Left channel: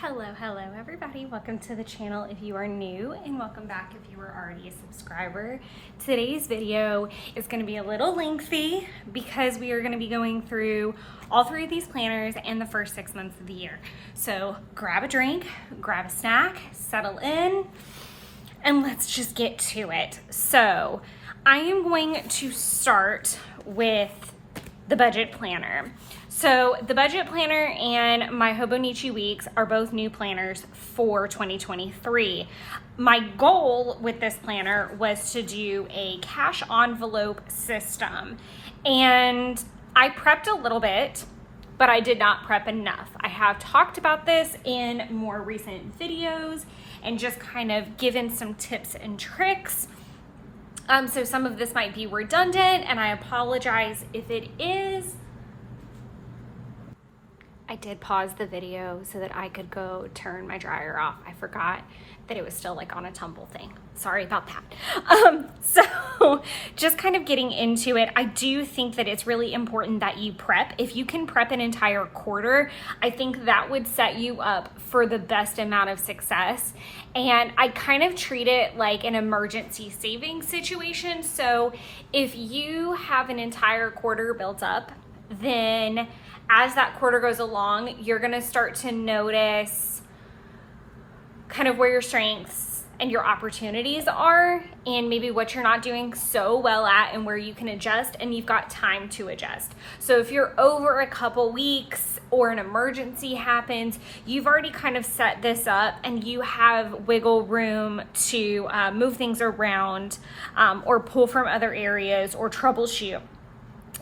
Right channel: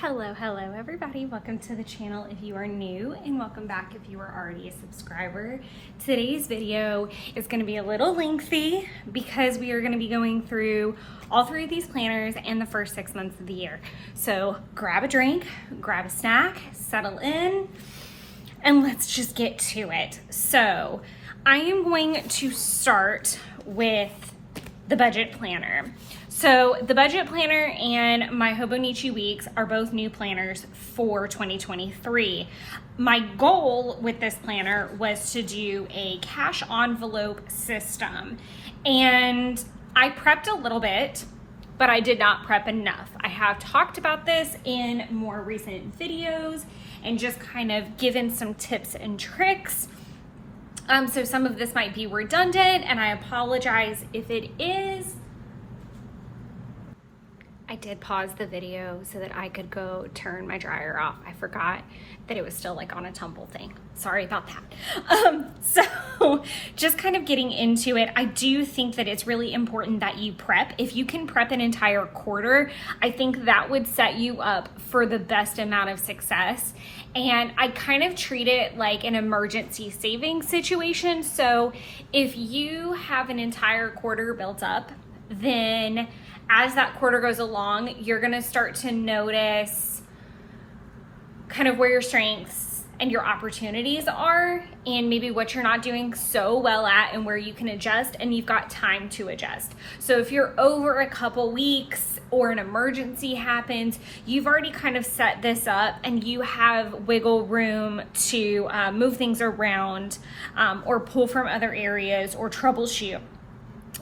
Hello everybody. Welcome to the channel if you are new, and welcome back if you are already a subscriber. Today's video is going to be a little lengthy because we are going to be going through all three of these planners in the first 6 months of the year. So grab a drink, grab a snack, settle in, and let's just get to it. So I am going to start with the budget planner. So the budget planner and my Hobonichi Weeks are both new planners for 2023. My goal with this planner was to do a cash envelope system, and I prepped a little bit, but I did not prep enough. I have talked about this in more recent videos and just kind of given some tips and tricks. So some of this might be redundant, and I apologize if it is. I did pause the video so that I could go turn my dryer off. I forgot that it was still like on a tumble thing. Sorry about that. So just kind of getting into it, I do think that it's really important that you prep. If you can prep an entire quarter, I think that would set you up for the best amount of success. And I kind of treat it like an emergency savings situation. So if you have an entire quarter built up, then as that quarter goes along, you're gonna start to notice kind of where your strengths and your opportunities are, and maybe what you're not doing so well at and where you can adjust, and you've got time to adjust. So if you're over a couple weeks or an emergency happens, you've already kind of set this up and you have wiggle room to move things around or pull from other areas or troubleshoot.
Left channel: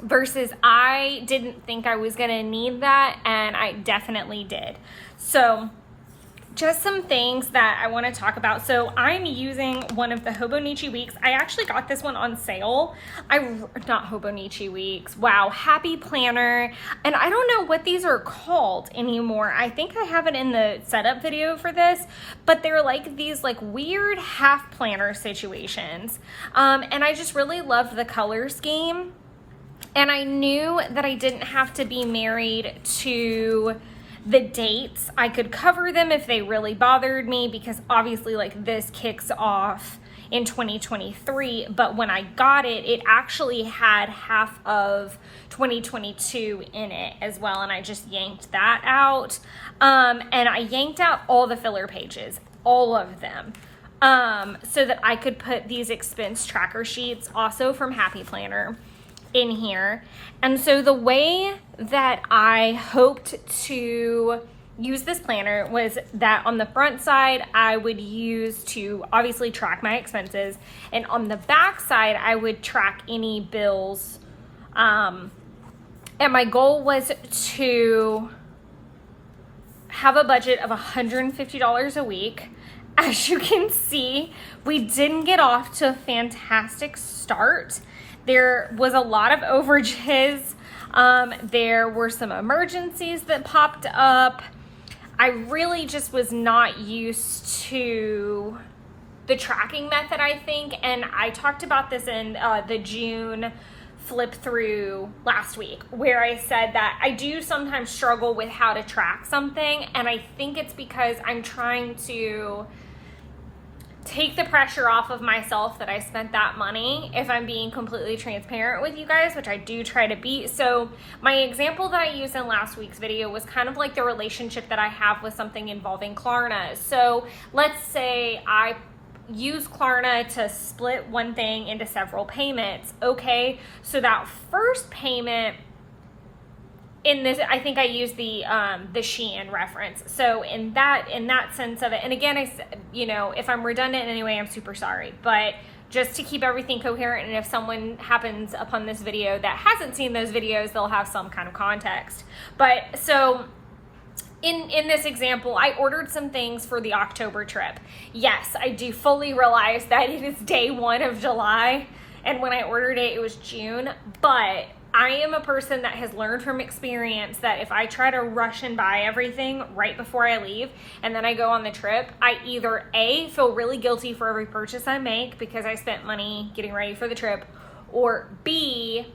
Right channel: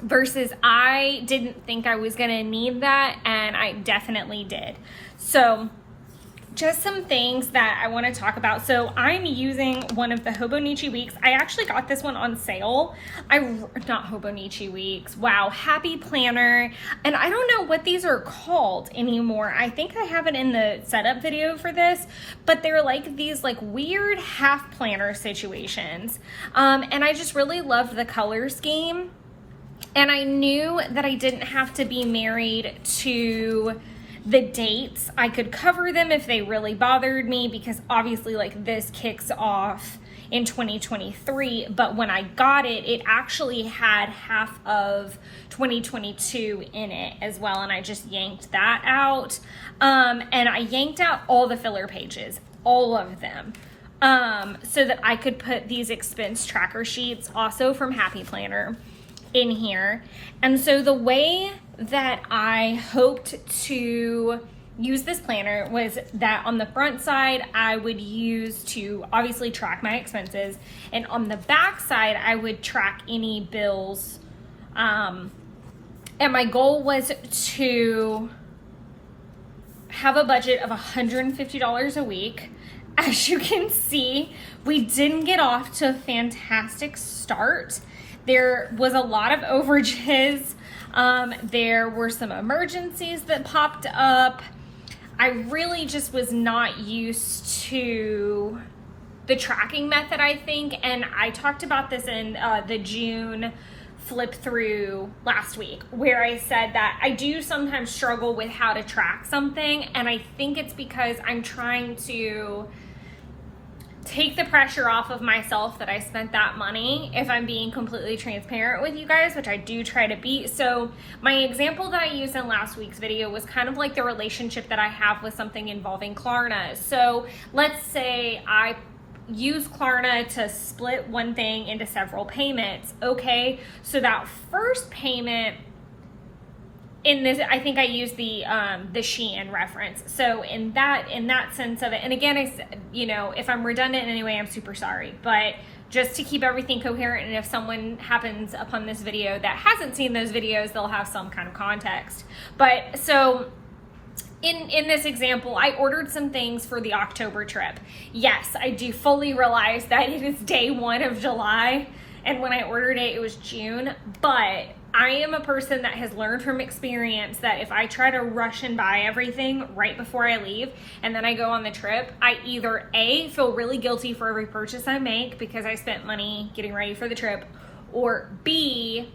Versus I didn't think I was gonna need that, and I definitely did. So just some things that I wanna talk about. So I'm using one of the Hobonichi Weeks. I actually got this one on sale. Not Hobonichi Weeks, wow, Happy Planner. And I don't know what these are called anymore. I think I have it in the setup video for this, but they're like these like weird half planner situations. And I just really love the color scheme. And I knew that I didn't have to be married to the dates. I could cover them if they really bothered me, because obviously like this kicks off in 2023. But when I got it, it actually had half of 2022 in it as well. And I just yanked that out. And I yanked out all the filler pages, all of them. So that I could put these expense tracker sheets also from Happy Planner in here. And so the way that I hoped to use this planner was that on the front side, I would use to obviously track my expenses, and on the back side, I would track any bills. And my goal was to have a budget of $150 a week. As you can see, we didn't get off to a fantastic start. There was a lot of overages. There were some emergencies that popped up. I really just was not used to the tracking method, I think. And I talked about this in the June flip through last week, where I said that I do sometimes struggle with how to track something. And I think it's because I'm trying to take the pressure off of myself that I spent that money, if I'm being completely transparent with you guys, which I do try to be. So my example that I used in last week's video was kind of like the relationship that I have with something involving Klarna. So let's say I use Klarna to split one thing into several payments. Okay, so that first payment, in this, I think I used the Shein reference. So in that sense of it, and again, I said, you know, if I'm redundant in any way, I'm super sorry. But just to keep everything coherent, and if someone happens upon this video that hasn't seen those videos, they'll have some kind of context. But so in this example, I ordered some things for the October trip. Yes, I do fully realize that it is day 1 of July, and when I ordered it, it was June. But I am a person that has learned from experience that if I try to rush and buy everything right before I leave and then I go on the trip, I either A, feel really guilty for every purchase I make because I spent money getting ready for the trip, or B,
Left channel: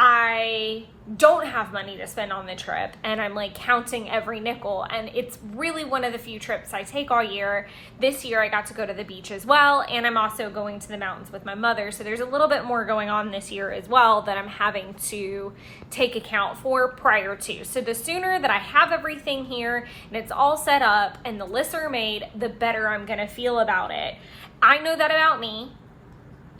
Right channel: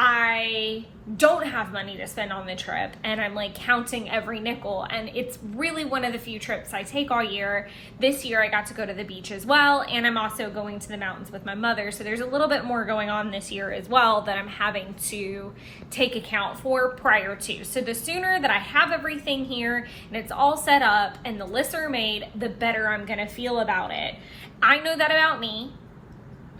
I don't have money to spend on the trip and I'm like counting every nickel, and it's really one of the few trips I take all year. This year I got to go to the beach as well, and I'm also going to the mountains with my mother, so there's a little bit more going on this year as well that I'm having to take account for prior to. So the sooner that I have everything here and it's all set up and the lists are made, the better I'm gonna feel about it. I know that about me.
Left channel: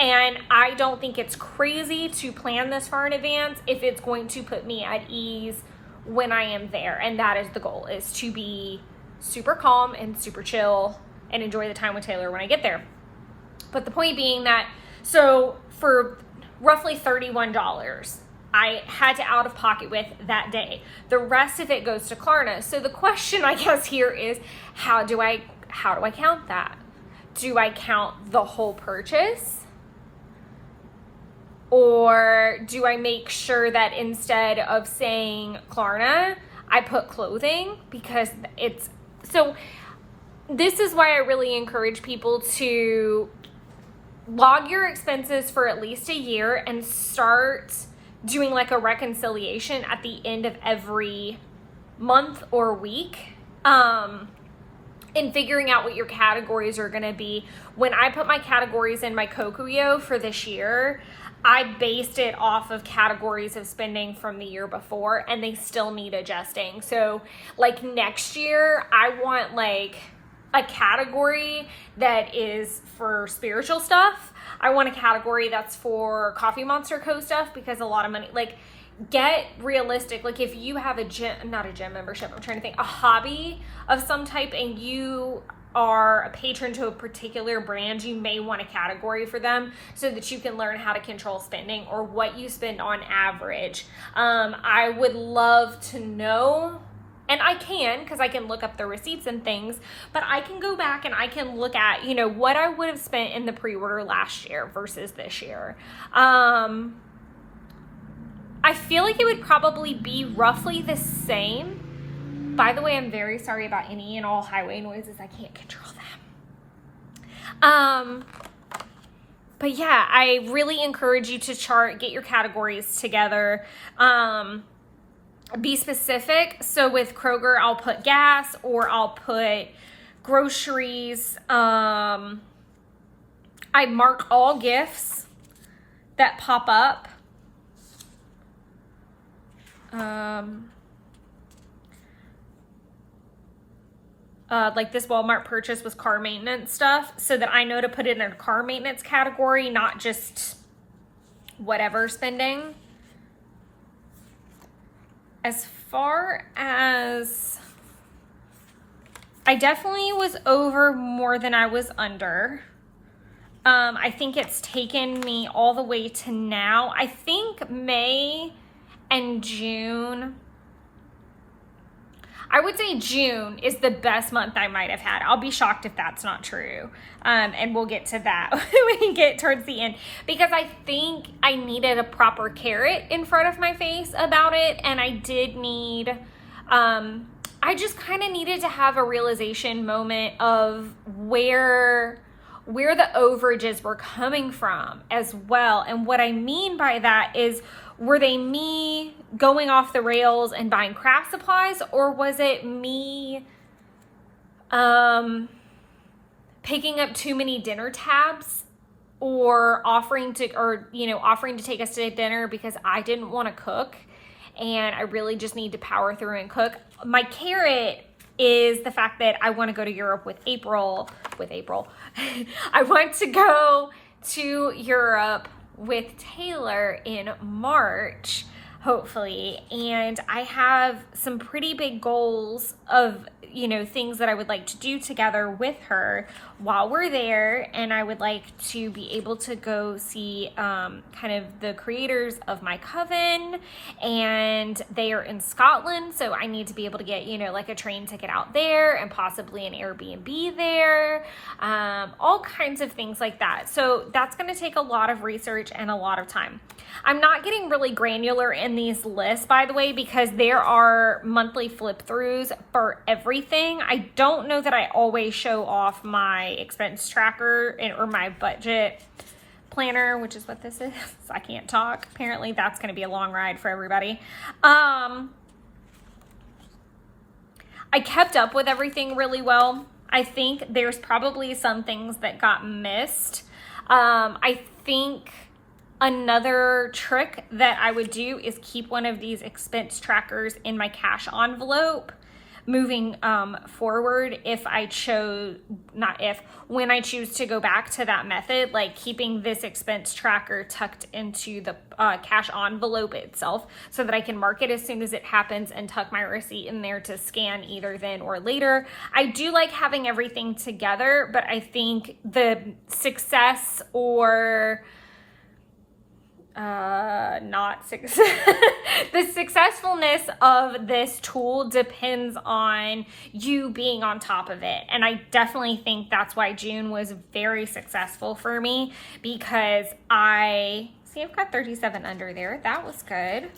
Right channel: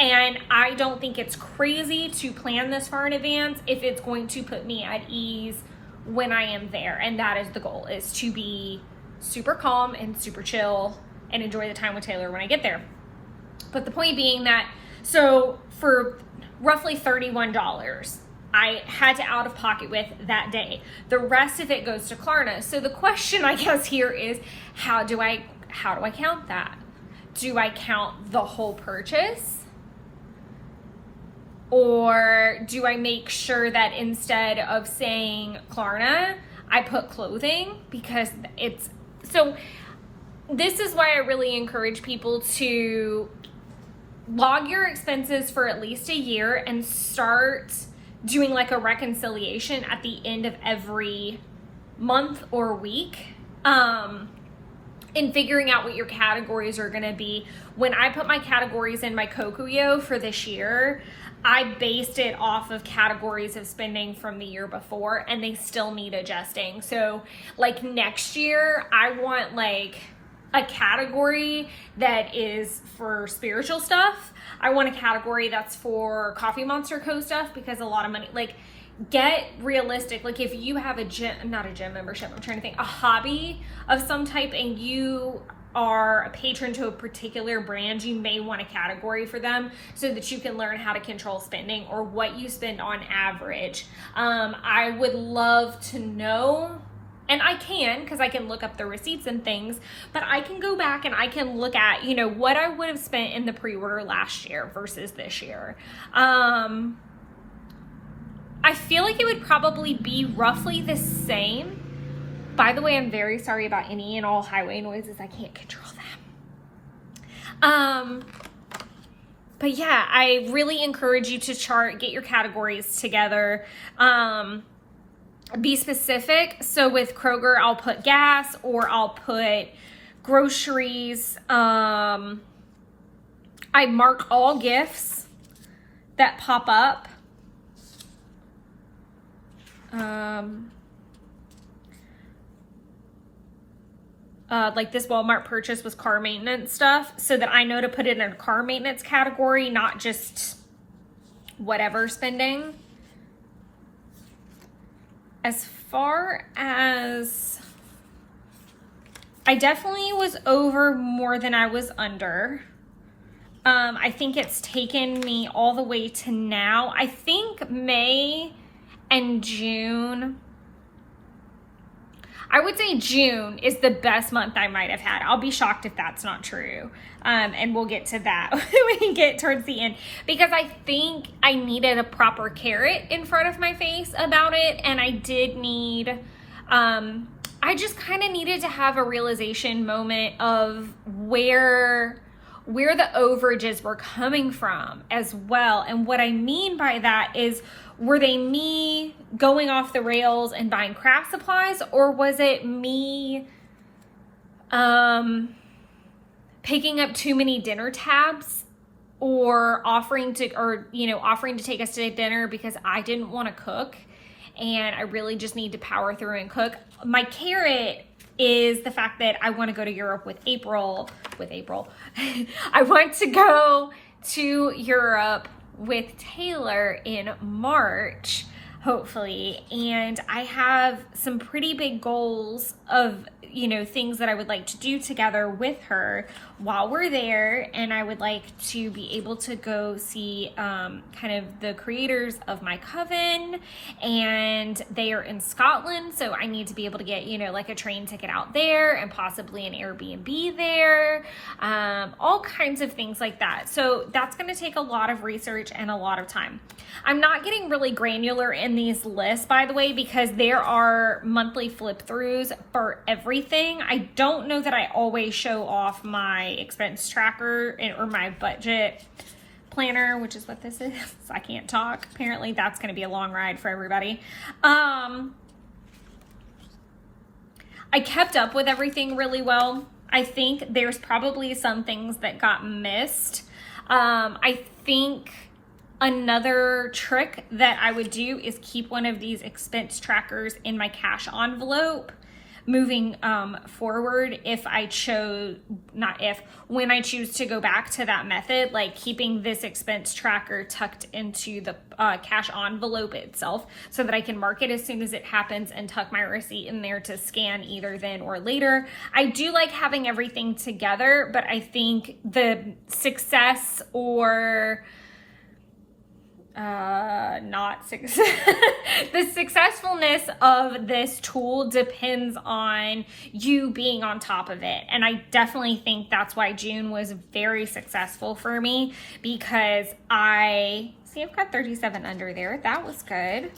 And I don't think it's crazy to plan this far in advance if it's going to put me at ease when I am there. And that is the goal, is to be super calm and super chill and enjoy the time with Taylor when I get there. But the point being that, so for roughly $31, I had to out of pocket with that day. The rest of it goes to Klarna. So the question I guess here is, how do I count that? Do I count the whole purchase? Or do I make sure that instead of saying Klarna, I put clothing? Because it's, so this is why I really encourage people to log your expenses for at least a year and start doing like a reconciliation at the end of every month or week. In figuring out what your categories are gonna be. When I put my categories in my Kokuyo for this year, I based it off of categories of spending from the year before, and they still need adjusting. So like next year, I want like a category that is for spiritual stuff. I want a category that's for Coffee Monster Co. stuff, because a lot of money, like, get realistic. Like if you have a gym, not a gym membership, I'm trying to think, a hobby of some type, and you are a patron to a particular brand, you may want a category for them so that you can learn how to control spending or what you spend on average. I would love to know, and I can, because I can look up the receipts and things, but I can go back and I can look at, you know, what I would have spent in the pre-order last year versus this year. I feel like it would probably be roughly the same. By the way, I'm very sorry about any and all highway noises. I can't control them. But yeah, I really encourage you to chart, get your categories together. Be specific. So with Kroger, I'll put gas, or I'll put groceries. I mark all gifts that pop up. Like this Walmart purchase was car maintenance stuff, so that I know to put it in a car maintenance category, not just whatever spending. As far as, I definitely was over more than I was under. I think it's taken me all the way to now. I think May and June, I would say June is the best month I might have had. I'll be shocked if that's not true. And we'll get to that when we get towards the end, because I think I needed a proper carrot in front of my face about it. And I did need, I just kind of needed to have a realization moment of where the overages were coming from as well. And what I mean by that is, were they me going off the rails and buying craft supplies, or was it me picking up too many dinner tabs, or offering to take us to dinner because I didn't want to cook and I really just need to power through and cook? My carrot is the fact that I want to go to Europe with April. I want to go to Europe with Taylor in March, hopefully. And I have some pretty big goals of, things that I would like to do together with her while we're there. And I would like to be able to go see kind of the creators of my coven, and they are in Scotland. So I need to be able to get, like a train ticket out there and possibly an Airbnb there, all kinds of things like that. So that's going to take a lot of research and a lot of time. I'm not getting really granular in these lists, by the way, because there are monthly flip throughs for everything. I don't know that I always show off my expense tracker or my budget planner, which is what this is. I can't talk. Apparently that's going to be a long ride for everybody. I kept up with everything really well. I think there's probably some things that got missed. I think another trick that I would do is keep one of these expense trackers in my cash envelope moving forward when I choose to go back to that method, like keeping this expense tracker tucked into the cash envelope itself so that I can mark it as soon as it happens and tuck my receipt in there to scan either then or later. I do like having everything together, but I think the success or the successfulness of this tool depends on you being on top of it. And I definitely think that's why June was very successful for me, because I've got 37 under there. That was good.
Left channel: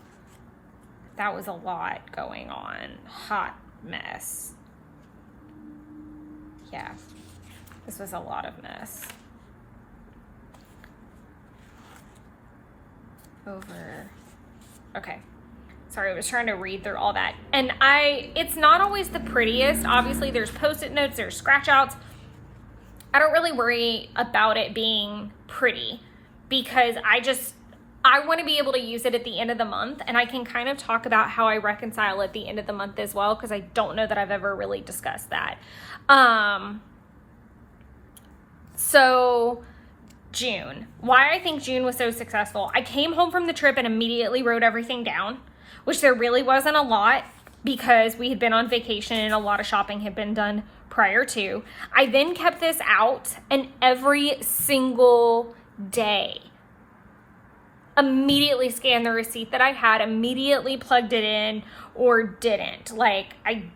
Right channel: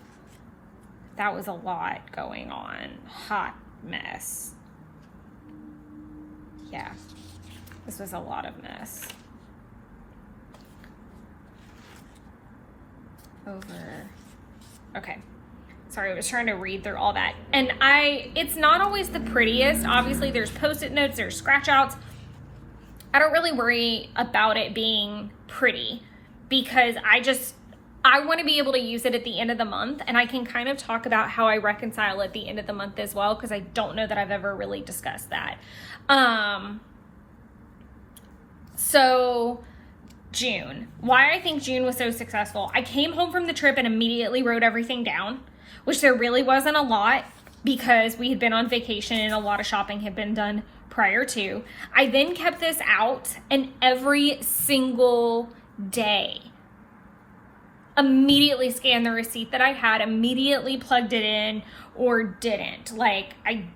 That was a lot going on. Hot mess. Yeah, this was a lot of mess. Okay, sorry, I was trying to read through all that, and it's not always the prettiest. Obviously there's post-it notes, there's scratch outs. I don't really worry about it being pretty because I want to be able to use it at the end of the month, and I can kind of talk about how I reconcile at the end of the month as well, because I don't know that I've ever really discussed that. So June, why I think June was so successful. I came home from the trip and immediately wrote everything down, which there really wasn't a lot because we had been on vacation and a lot of shopping had been done prior to. I then kept this out, and every single day immediately scanned the receipt that I had, immediately plugged it in or didn't. I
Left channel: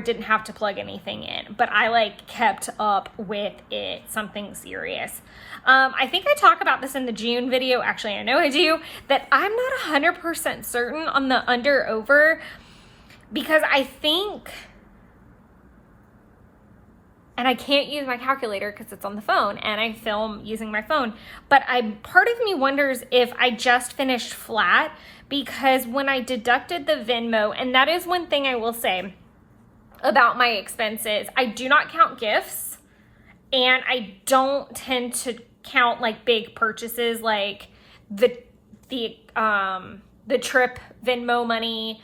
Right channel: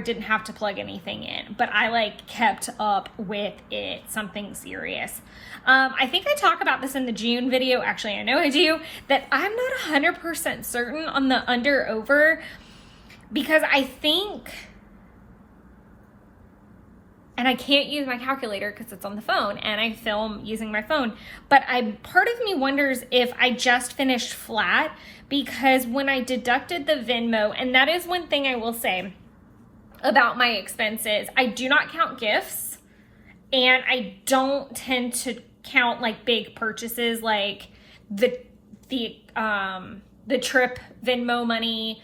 didn't have to plug anything in, but I kept up with it, something serious. I think I talk about this in the June video. Actually, I know I do, that I'm not 100% certain on the under over, because I think, and I can't use my calculator because it's on the phone and I film using my phone, but part of me wonders if I just finished flat, because when I deducted the Venmo, and that is one thing I will say about my expenses, I do not count gifts, and I don't tend to count big purchases like the trip Venmo money.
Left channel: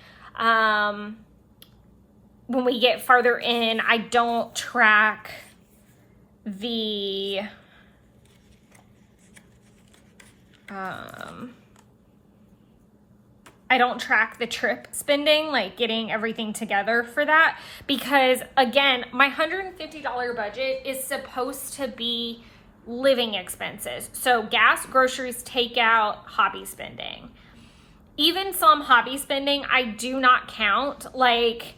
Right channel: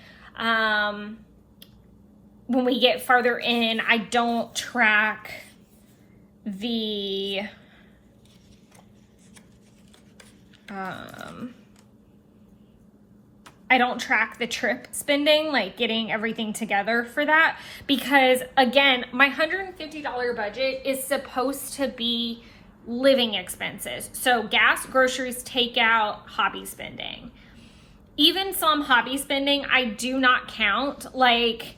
When we get farther in, I don't track the trip spending, getting everything together for that, because again, my $150 budget is supposed to be living expenses. So gas, groceries, takeout, hobby spending. Even some hobby spending I do not count, like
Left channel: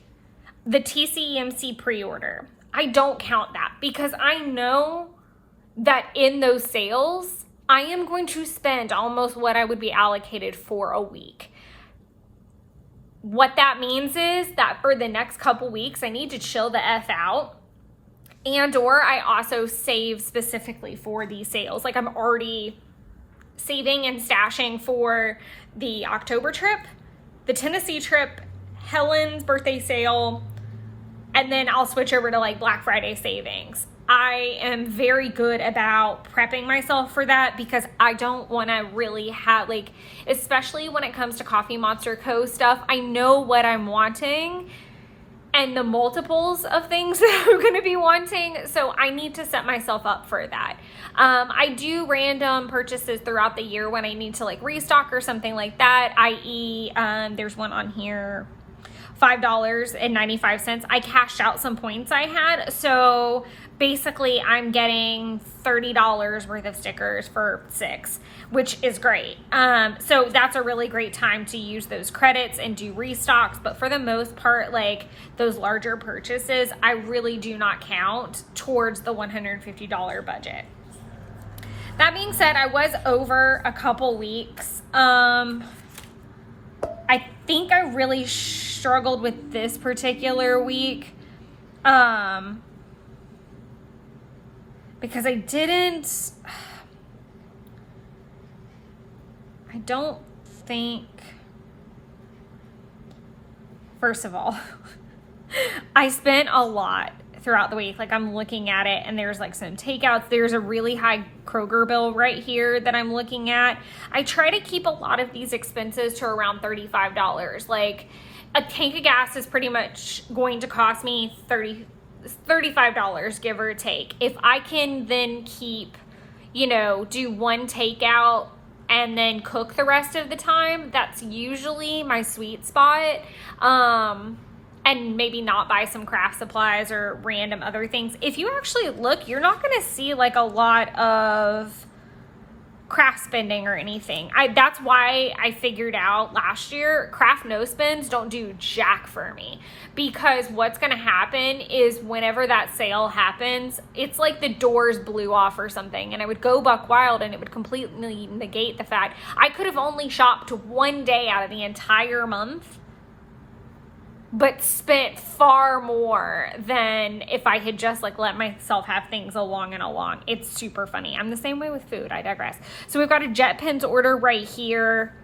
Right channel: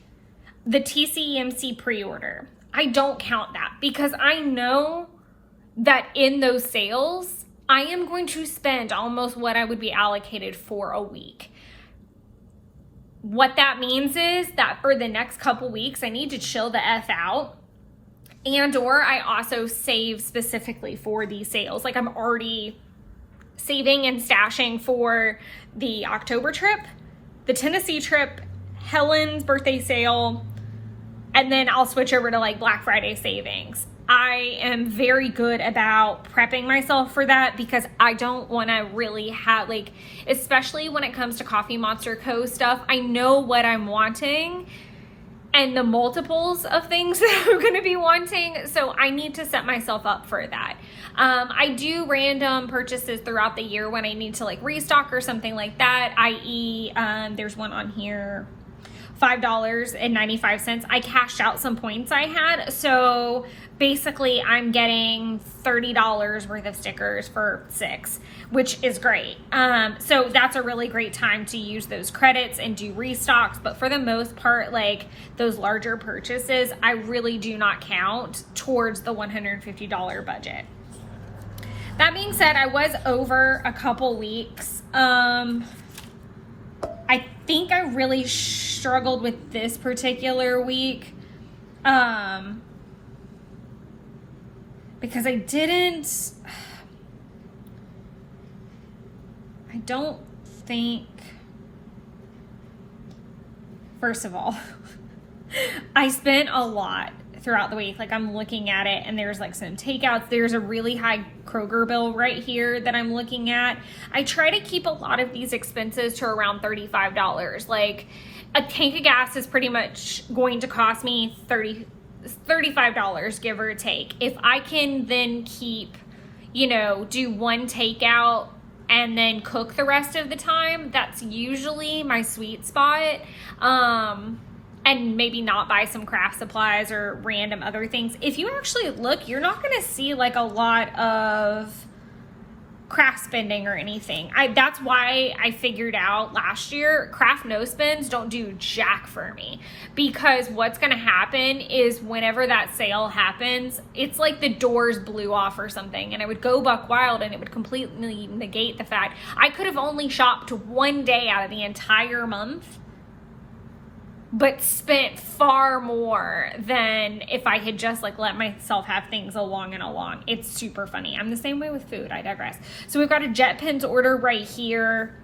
the TCEMC pre-order. I don't count that because I know that in those sales, I am going to spend almost what I would be allocated for a week. What that means is that for the next couple weeks, I need to chill the F out, or I also save specifically for these sales. I'm already saving and stashing for the October trip, the Tennessee trip, Helen's birthday sale, and then I'll switch over to Black Friday savings. I am very good about prepping myself for that because I don't want to really have, especially when it comes to Coffee Monster Co. stuff, I know what I'm wanting and the multiples of things that I'm going to be wanting. So I need to set myself up for that. I do random purchases throughout the year when I need to restock or something like that, i.e. There's one on here, $5.95. I cashed out some points I had. So basically I'm getting $30 worth of stickers for $6, which is great. So that's a really great time to use those credits and do restocks. But for the most part, those larger purchases, I really do not count towards the $150 budget. That being said, I was over a couple weeks. I think I really struggled with this particular week because I didn't I don't think, first of all, I spent a lot throughout the week. Like, I'm looking at it and there's like some takeouts. There's a really high Kroger bill right here that I'm looking at. I try to keep a lot of these expenses to around $35. Like, a tank of gas is pretty much going to cost me $35, give or take. If I can then keep, you know, do one takeout and then cook the rest of the time, that's usually my sweet spot. And maybe not buy some craft supplies or random other things. If you actually look, you're not going to see like a lot of craft spending or anything. That's why I figured out last year, craft no spends don't do jack for me, because what's going to happen is whenever that sale happens, it's like the doors blew off or something, and I would go buck wild and it would completely negate the fact I could have only shopped one day out of the entire month, but spent far more than if I had just like let myself have things along and along. It's super funny. I'm the same way with food. I digress. So we've got a JetPens order right here,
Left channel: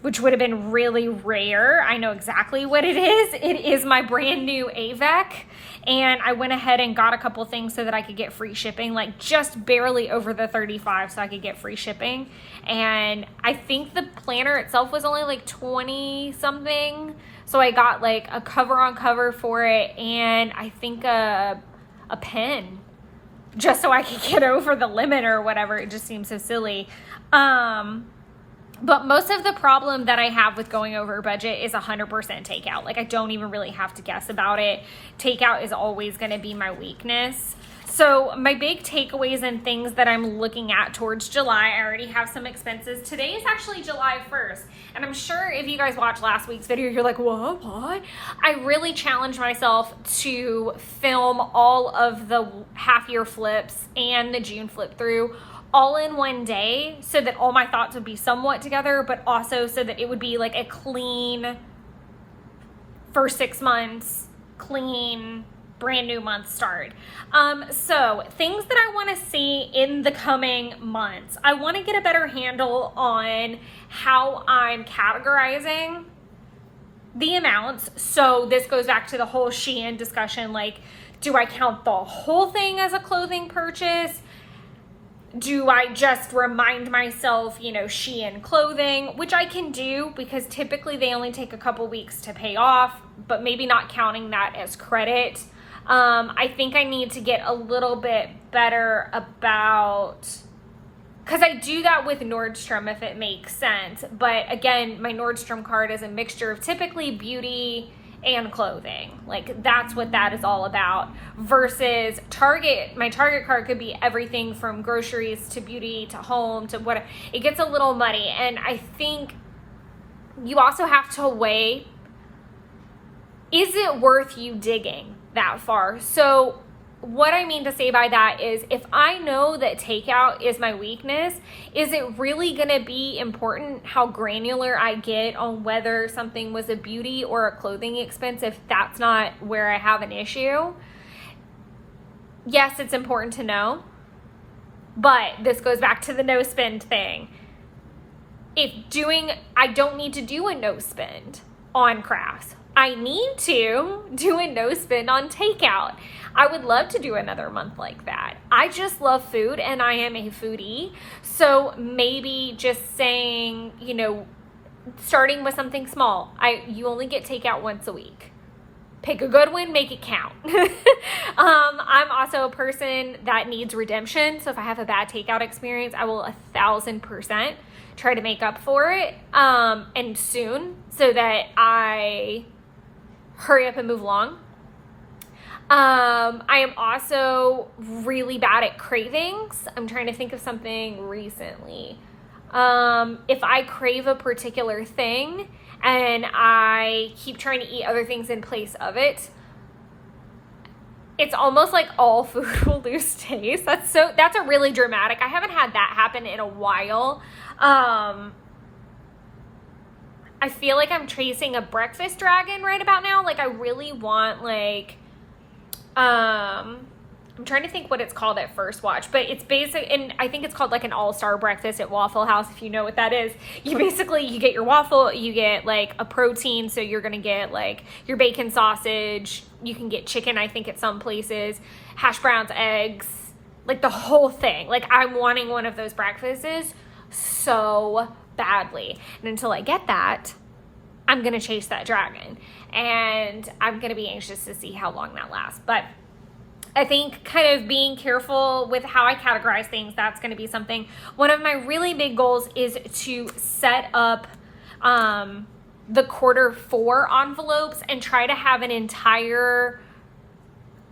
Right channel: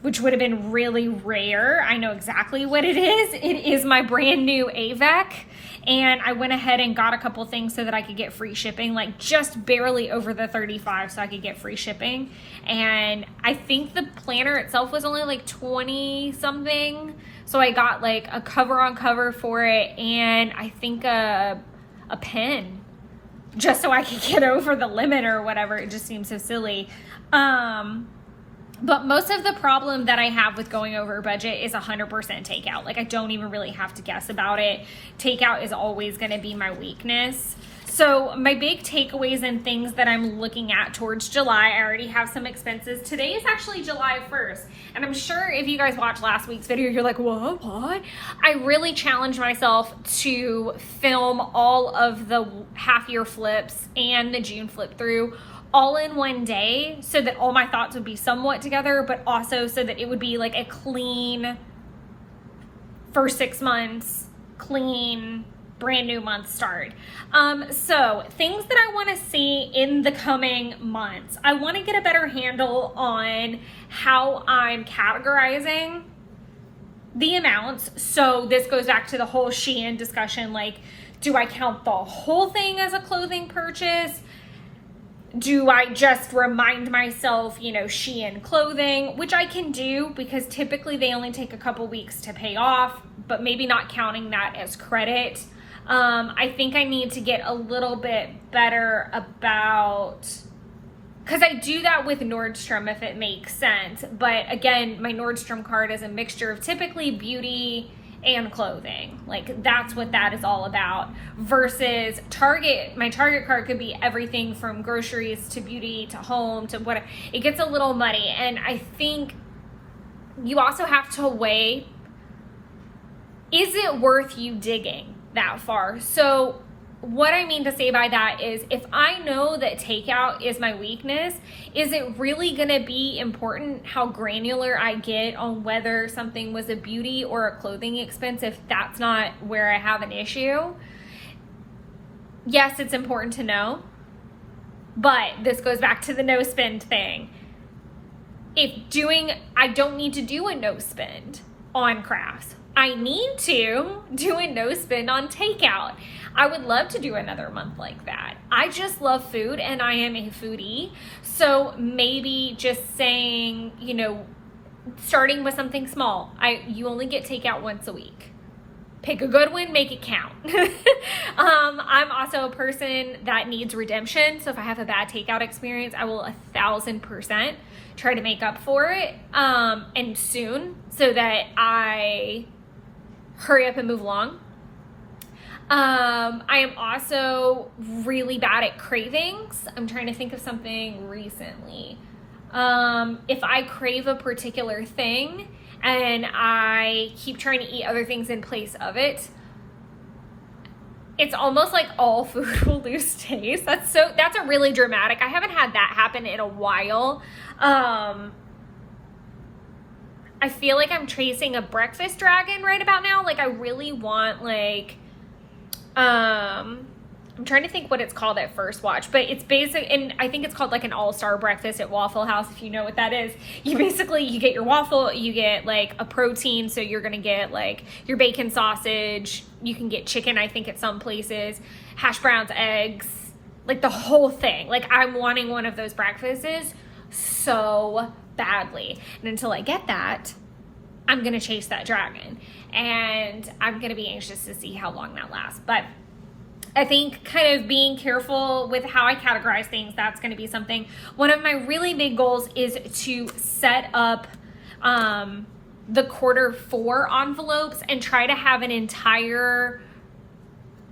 which would have been really rare. I know exactly what it is. It is my brand new AVEC. And I went ahead and got a couple things so that I could get free shipping, like just barely over the 35 so I could get free shipping. And I think the planner itself was only like 20 something. So I got like a cover on cover for it, and I think a pen, just so I could get over the limit or whatever. It just seems so silly. But most of the problem that I have with going over budget is 100% takeout. Like, I don't even really have to guess about it. Takeout is always going to be my weakness. So my big takeaways and things that I'm looking at towards July, I already have some expenses. Today is actually July 1st. And I'm sure if you guys watched last week's video, you're like, what? I really challenged myself to film all of the half year flips and the June flip through all in one day, so that all my thoughts would be somewhat together, but also so that it would be like a clean first 6 months, clean brand new month start. So things that I want to see in the coming months, I want to get a better handle on how I'm categorizing the amounts. So this goes back to the whole Shein discussion. Like, do I count the whole thing as a clothing purchase? Do I just remind myself, you know, Shein clothing, which I can do because typically they only take a couple weeks to pay off, but maybe not counting that as credit. I think I need to get a little bit better about, because I do that with Nordstrom if it makes sense. But again, my Nordstrom card is a mixture of typically beauty and clothing. Like, that's what that is all about. Versus Target, my Target card could be everything from groceries to beauty to home to what. It gets a little muddy. And I think you also have to weigh, is it worth you digging that far? So what I mean to say by that is, if I know that takeout is my weakness, is it really going to be important how granular I get on whether something was a beauty or a clothing expense if that's not where I have an issue? Yes, it's important to know, but this goes back to the no spend thing. I don't need to do a no spend on crafts. I need to do a no spend on takeout. I would love to do another month like that. I just love food and I am a foodie. So maybe just saying, you know, starting with something small. You only get takeout once a week. Pick a good one, make it count. I'm also a person that needs redemption. So if I have a bad takeout experience, I will 1,000% try to make up for it, and soon, so that I hurry up and move along. I am also really bad at cravings. I'm trying to think of something recently. If I crave a particular thing and I keep trying to eat other things in place of it, it's almost like all food will lose taste. That's a really dramatic. I haven't had that happen in a while. I feel like I'm chasing a breakfast dragon right about now. Like, I really want like I'm trying to think what it's called at First Watch, but it's basic, and I think it's called like an all-star breakfast at Waffle House, if you know what that is. You get your waffle, you get like a protein, so you're gonna get like your bacon sausage, you can get chicken, I think at some places, hash browns, eggs, like the whole thing. Like I'm wanting one of those breakfasts so badly. And until I get that, I'm gonna chase that dragon, and I'm gonna be anxious to see how long that lasts. But I think kind of being careful with how I categorize things, that's going to be something. One of my really big goals is to set up the Q4 envelopes and try to have an entire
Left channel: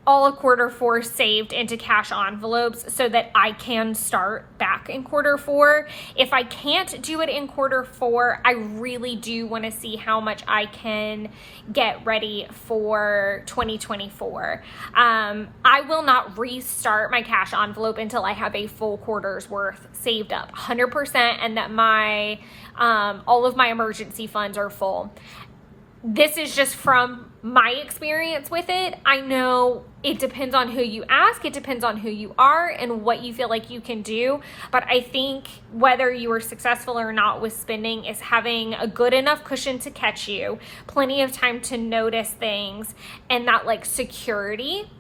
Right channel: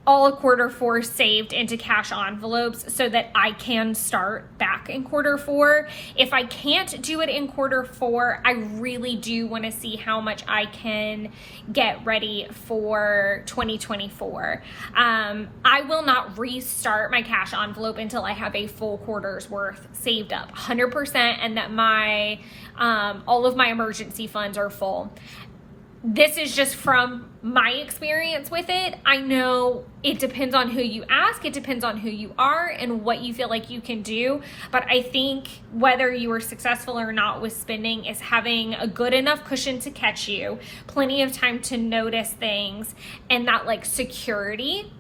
all of Q4 saved into cash envelopes so that I can start back in Q4. If I can't do it in Q4, I really do want to see how much I can get ready for 2024. I will not restart my cash envelope until I have a full quarter's worth saved up 100%, and that my all of my emergency funds are full. This is just from my experience with it. I know it depends on who you ask, it depends on who you are and what you feel like you can do. But I think whether you are successful or not with spending is having a good enough cushion to catch you, plenty of time to notice things, and that like security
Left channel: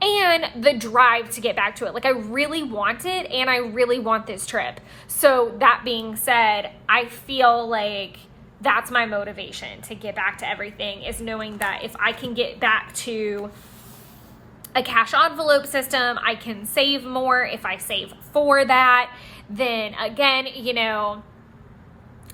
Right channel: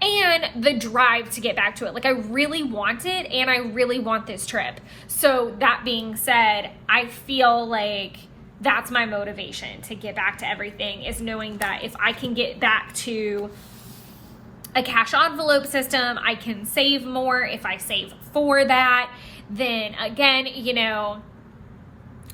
and the drive to get back to it. Like I really want it, and I really want this trip. So that being said, I feel like that's my motivation to get back to everything, is knowing that if I can get back to a cash envelope system, I can save more. If I save for that, then again, you know,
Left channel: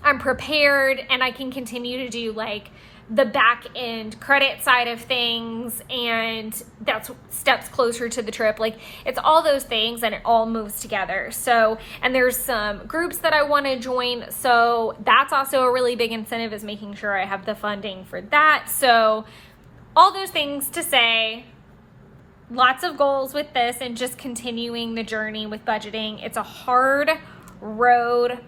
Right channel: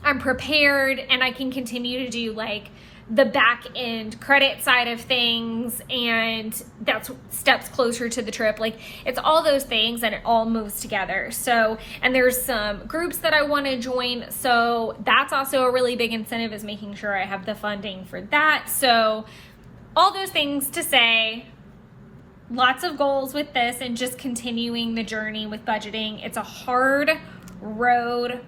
I'm prepared and I can continue to do like the back end credit side of things, and that's steps closer to the trip. Like it's all those things, and it all moves together. So, and there's some groups that I want to join, so that's also a really big incentive, is making sure I have the funding for that. So all those things to say, lots of goals with this, and just continuing the journey with budgeting. It's a hard road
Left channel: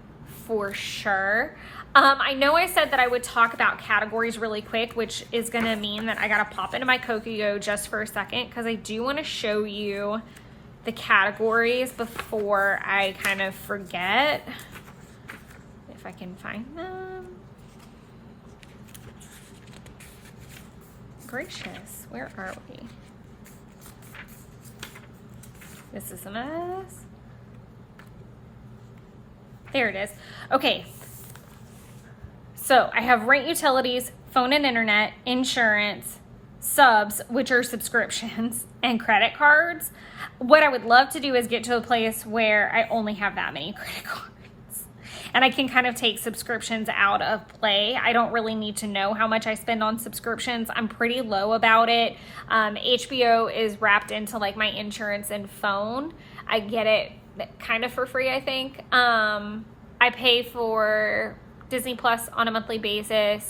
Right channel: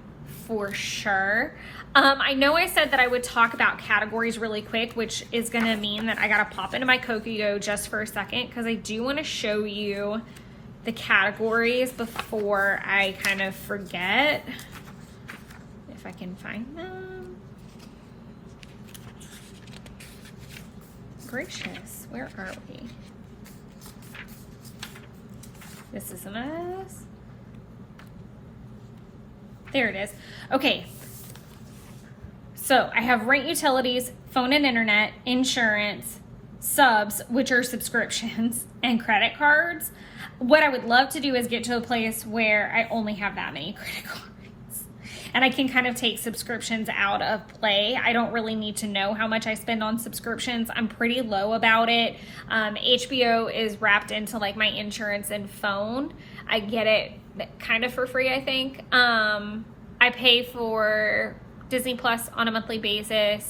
for sure. I know I said that I would talk about categories really quick, which is going to mean that I got to pop into my Kokugo just for a second, because I do want to show you the categories before I kind of forget, if I can find them. Gracious, where are we? This is a mess. There it is. Okay. So I have rent, utilities, phone and internet, insurance, subs, which are subscriptions, and credit cards. What I would love to do is get to a place where I only have that many credit cards, and I can kind of take subscriptions out of play. I don't really need to know how much I spend on subscriptions. I'm pretty low about it. HBO is wrapped into like my insurance and phone. I get it kind of for free, I think. I pay for Disney Plus on a monthly basis.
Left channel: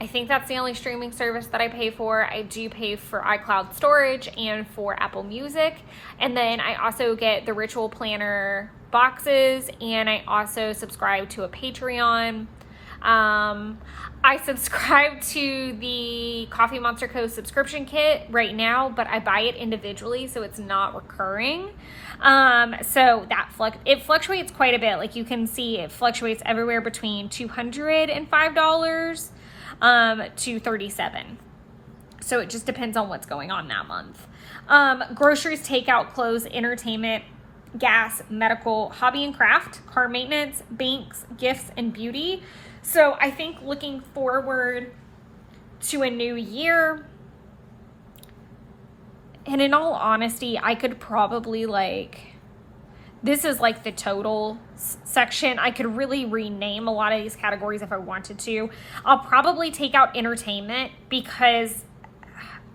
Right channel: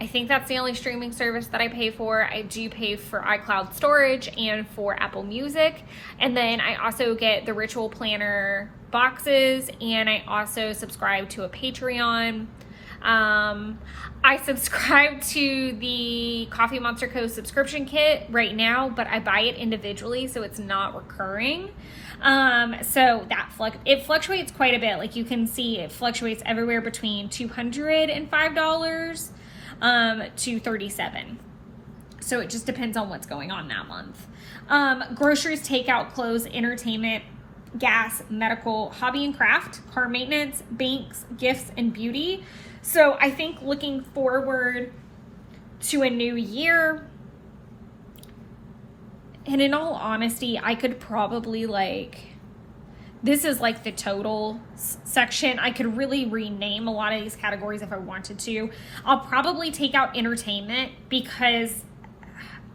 I think that's the only streaming service that I pay for. I do pay for iCloud storage and for Apple Music. And then I also get the Ritual Planner boxes, and I also subscribe to a Patreon. I subscribe to the Coffee Monster Co. subscription kit right now, but I buy it individually, so it's not recurring. So that it fluctuates quite a bit. Like you can see, it fluctuates everywhere between $205 to $37. So it just depends on what's going on that month. Groceries, takeout, clothes, entertainment, gas, medical, hobby and craft, car maintenance, banks, gifts, and beauty. So I think looking forward to a new year, and in all honesty, I could probably this is like the total section. I could really rename a lot of these categories if I wanted to. I'll probably take out entertainment, because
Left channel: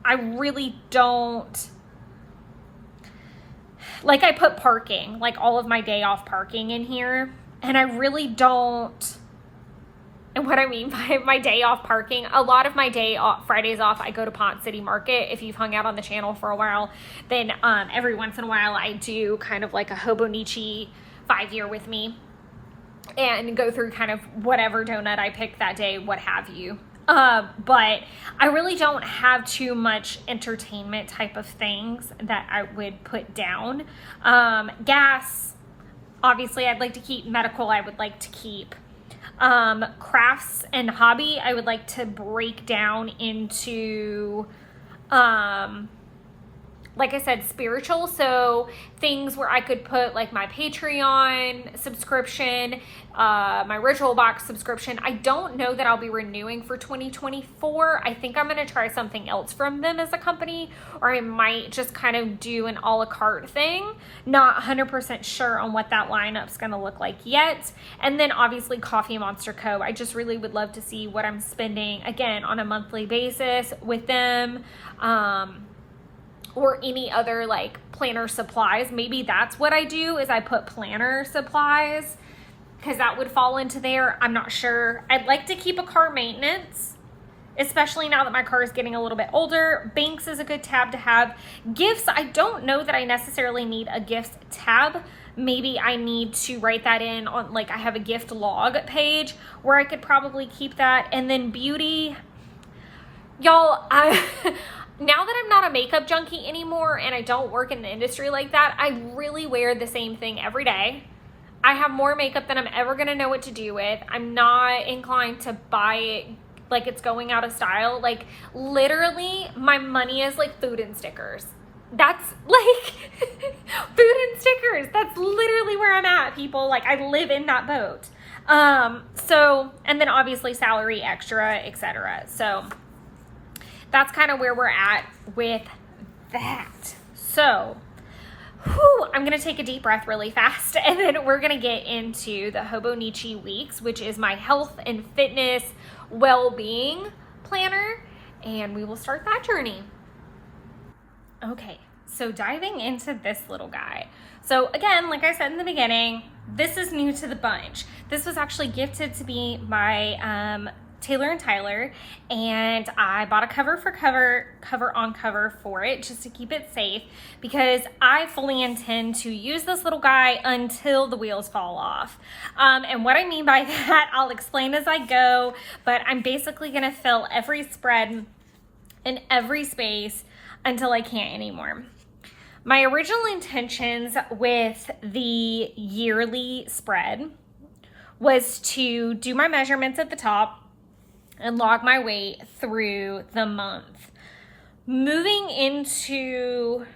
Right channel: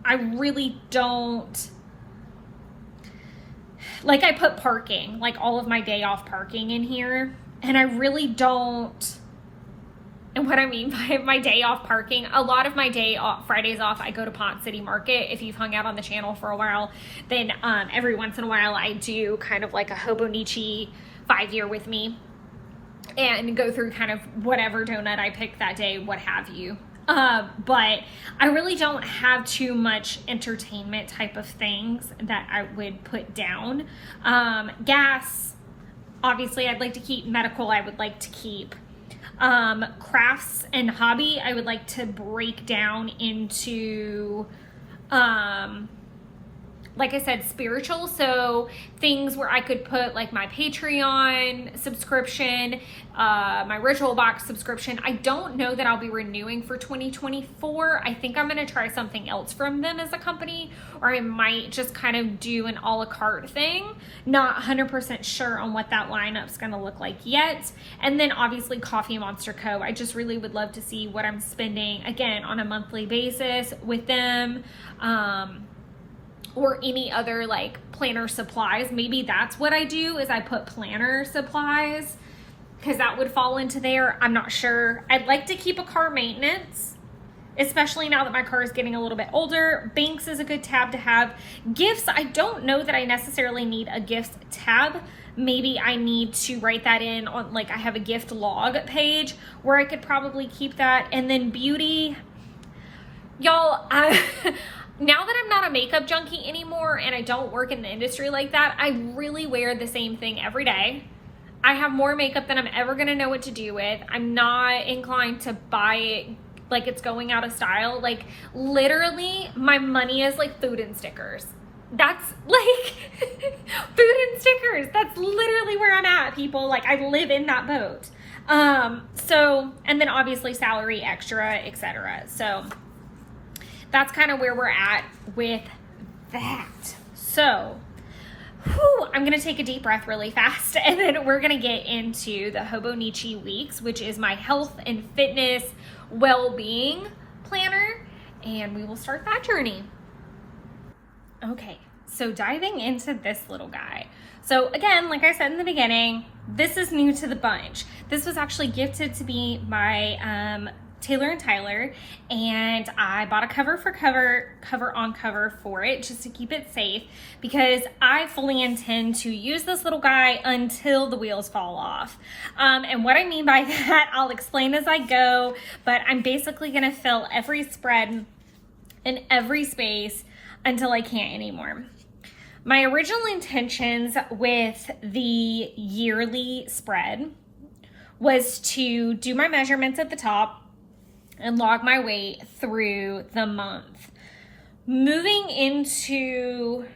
I really don't, like I put parking, like all of my day off parking in here, and I really don't. And what I mean by my day off parking, a lot of my day off, Fridays off, I go to Pont City Market. If you've hung out on the channel for a while, then every once in a while I do kind of like a Hobonichi 5-year with me, and go through kind of whatever donut I pick that day, what have you. But I really don't have too much entertainment type of things that I would put down. Gas, obviously I'd like to keep. Medical, I would like to keep. Crafts and hobby, I would like to break down into, like I said, spiritual. So things where I could put like my Patreon subscription, my Ritual Box subscription. I don't know that I'll be renewing for 2024. I think I'm going to try something else from them as a company, or I might just kind of do an a la carte thing. Not 100% sure on what that lineup's going to look like yet. And then obviously Coffee Monster Co. I just really would love to see what I'm spending, again, on a monthly basis with them. Or any other like planner supplies. Maybe that's what I do, is I put planner supplies, because that would fall into there. I'm not sure. I'd like to keep a car maintenance, especially now that my car is getting a little bit older. Banks is a good tab to have. Gifts, I don't know that I necessarily need a gifts tab. Maybe I need to write that in on, like, I have a gift log page where I could probably keep that. And then beauty, y'all, now that I'm not a makeup junkie anymore and I don't work in the industry like that, I really wear the same thing every day. I have more makeup than I'm ever going to know what to do with. I'm not inclined to buy it like it's going out of style. Like, literally, my money is like food and stickers. That's like food and stickers. That's literally where I'm at, people. Like, I live in that boat. So, and then obviously salary, extra, etc. So that's kind of where we're at with that. So, I'm going to take a deep breath really fast, and then we're going to get into the Hobonichi Weeks, which is my health and fitness well-being planner, and we will start that journey. Okay, so diving into this little guy. So again, like I said in the beginning, this is new to the bunch. This was actually gifted to me by Taylor and Tyler, and I bought a cover on cover for it just to keep it safe, because I fully intend to use this little guy until the wheels fall off. And what I mean by that, I'll explain as I go, but I'm basically gonna fill every spread in every space until I can't anymore. My original intentions with the yearly spread was to do my measurements at the top and log my weight through the month. Moving into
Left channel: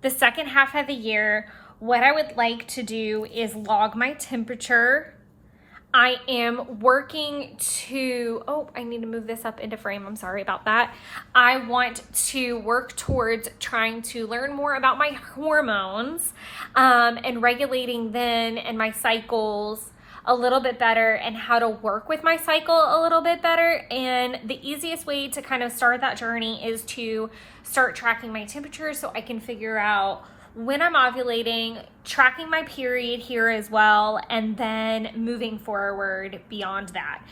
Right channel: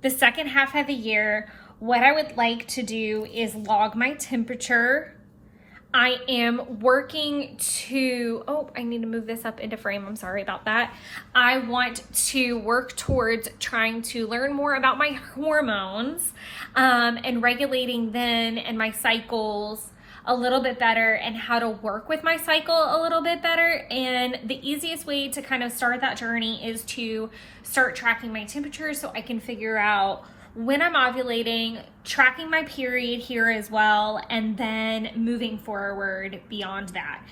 the second half of the year, what I would like to do is log my temperature. I am working to, I need to move this up into frame. I'm sorry about that. I want to work towards trying to learn more about my hormones and regulating them and my cycles a little bit better, and how to work with my cycle a little bit better. And the easiest way to kind of start that journey is to start tracking my temperature, so I can figure out when I'm ovulating, tracking my period here as well, and then moving forward beyond that.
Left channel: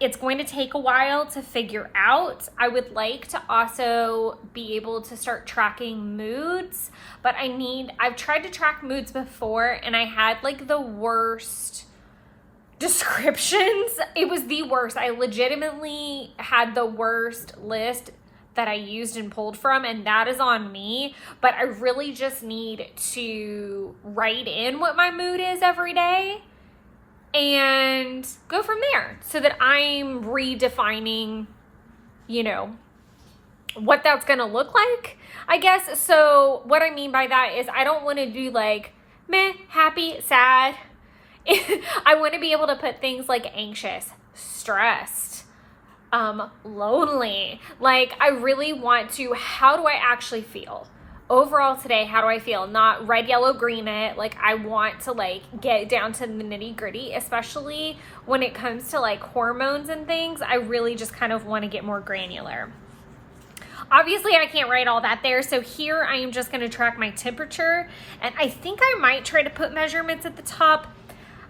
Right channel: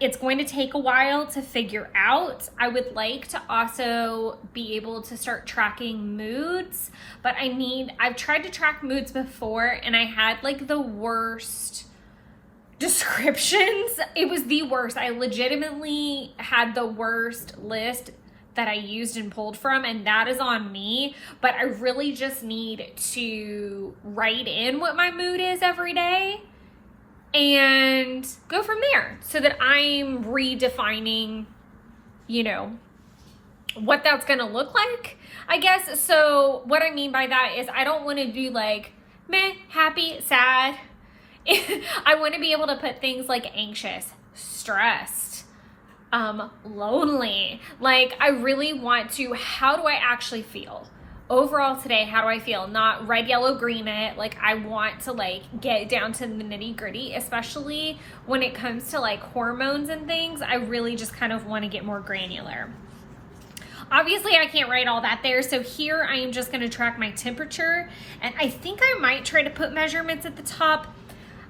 It's going to take a while to figure out. I would like to also be able to start tracking moods, but I've tried to track moods before, and I had like the worst descriptions. It was the worst. I legitimately had the worst list that I used and pulled from, and that is on me. But I really just need to write in what my mood is every day and go from there, so that I'm redefining, what that's gonna look like, I guess. So what I mean by that is I don't want to do like meh, happy, sad. I want to be able to put things like anxious, stressed, lonely. Like, I really want to, how do I actually feel? Overall today, how do I feel? Not red, yellow, green it. Like, I want to get down to the nitty gritty, especially when it comes to hormones and things. I really just kind of want to get more granular. Obviously, I can't write all that there, so here I am just going to track my temperature, and I think I might try to put measurements at the top.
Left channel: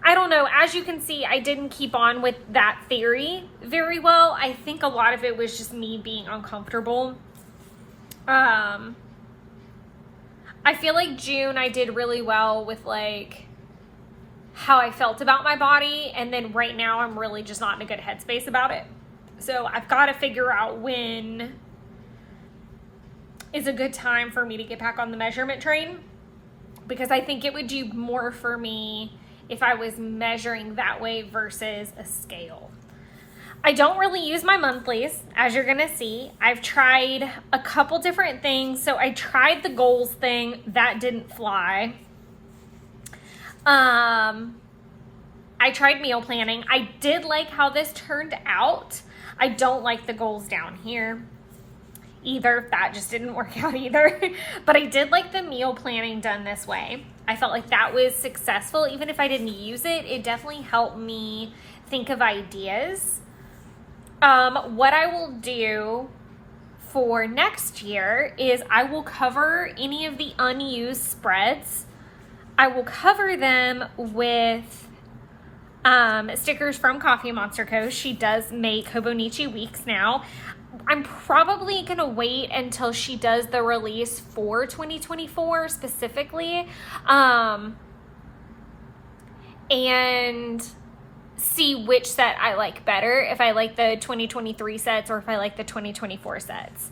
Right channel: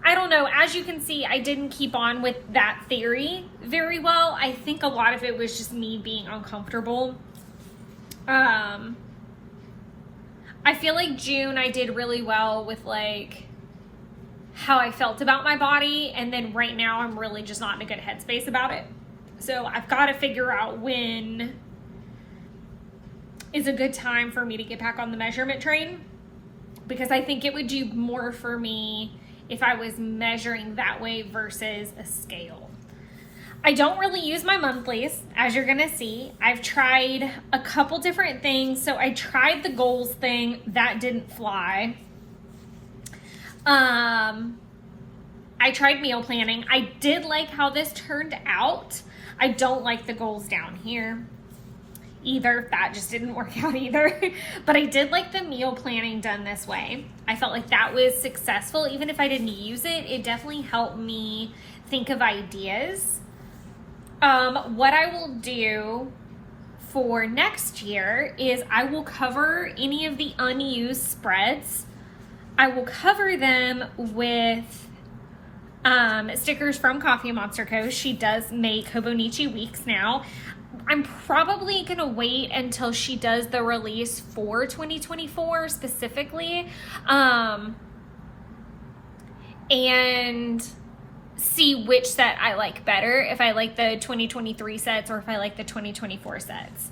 I don't know. As you can see, I didn't keep on with that theory very well. I think a lot of it was just me being uncomfortable. I feel like June I did really well with how I felt about my body, and then right now I'm really just not in a good headspace about it. So I've got to figure out when is a good time for me to get back on the measurement train, because I think it would do more for me if I was measuring that way versus a scale. I don't really use my monthlies, as you're gonna see. I've tried a couple different things. So I tried the goals thing, that didn't fly. I tried meal planning. I did like how this turned out. I don't like the goals down here either. That just didn't work out either. But I did like the meal planning done this way. I felt like that was successful. Even if I didn't use it, it definitely helped me think of ideas. What I will do for next year is I will cover any of the unused spreads. I will cover them with stickers from Coffee Monster Co. She does make Hobonichi Weeks now. I'm probably going to wait until she does the release for 2024 specifically, and see which set I like better, if I like the 2023 sets or if I like the 2024 sets.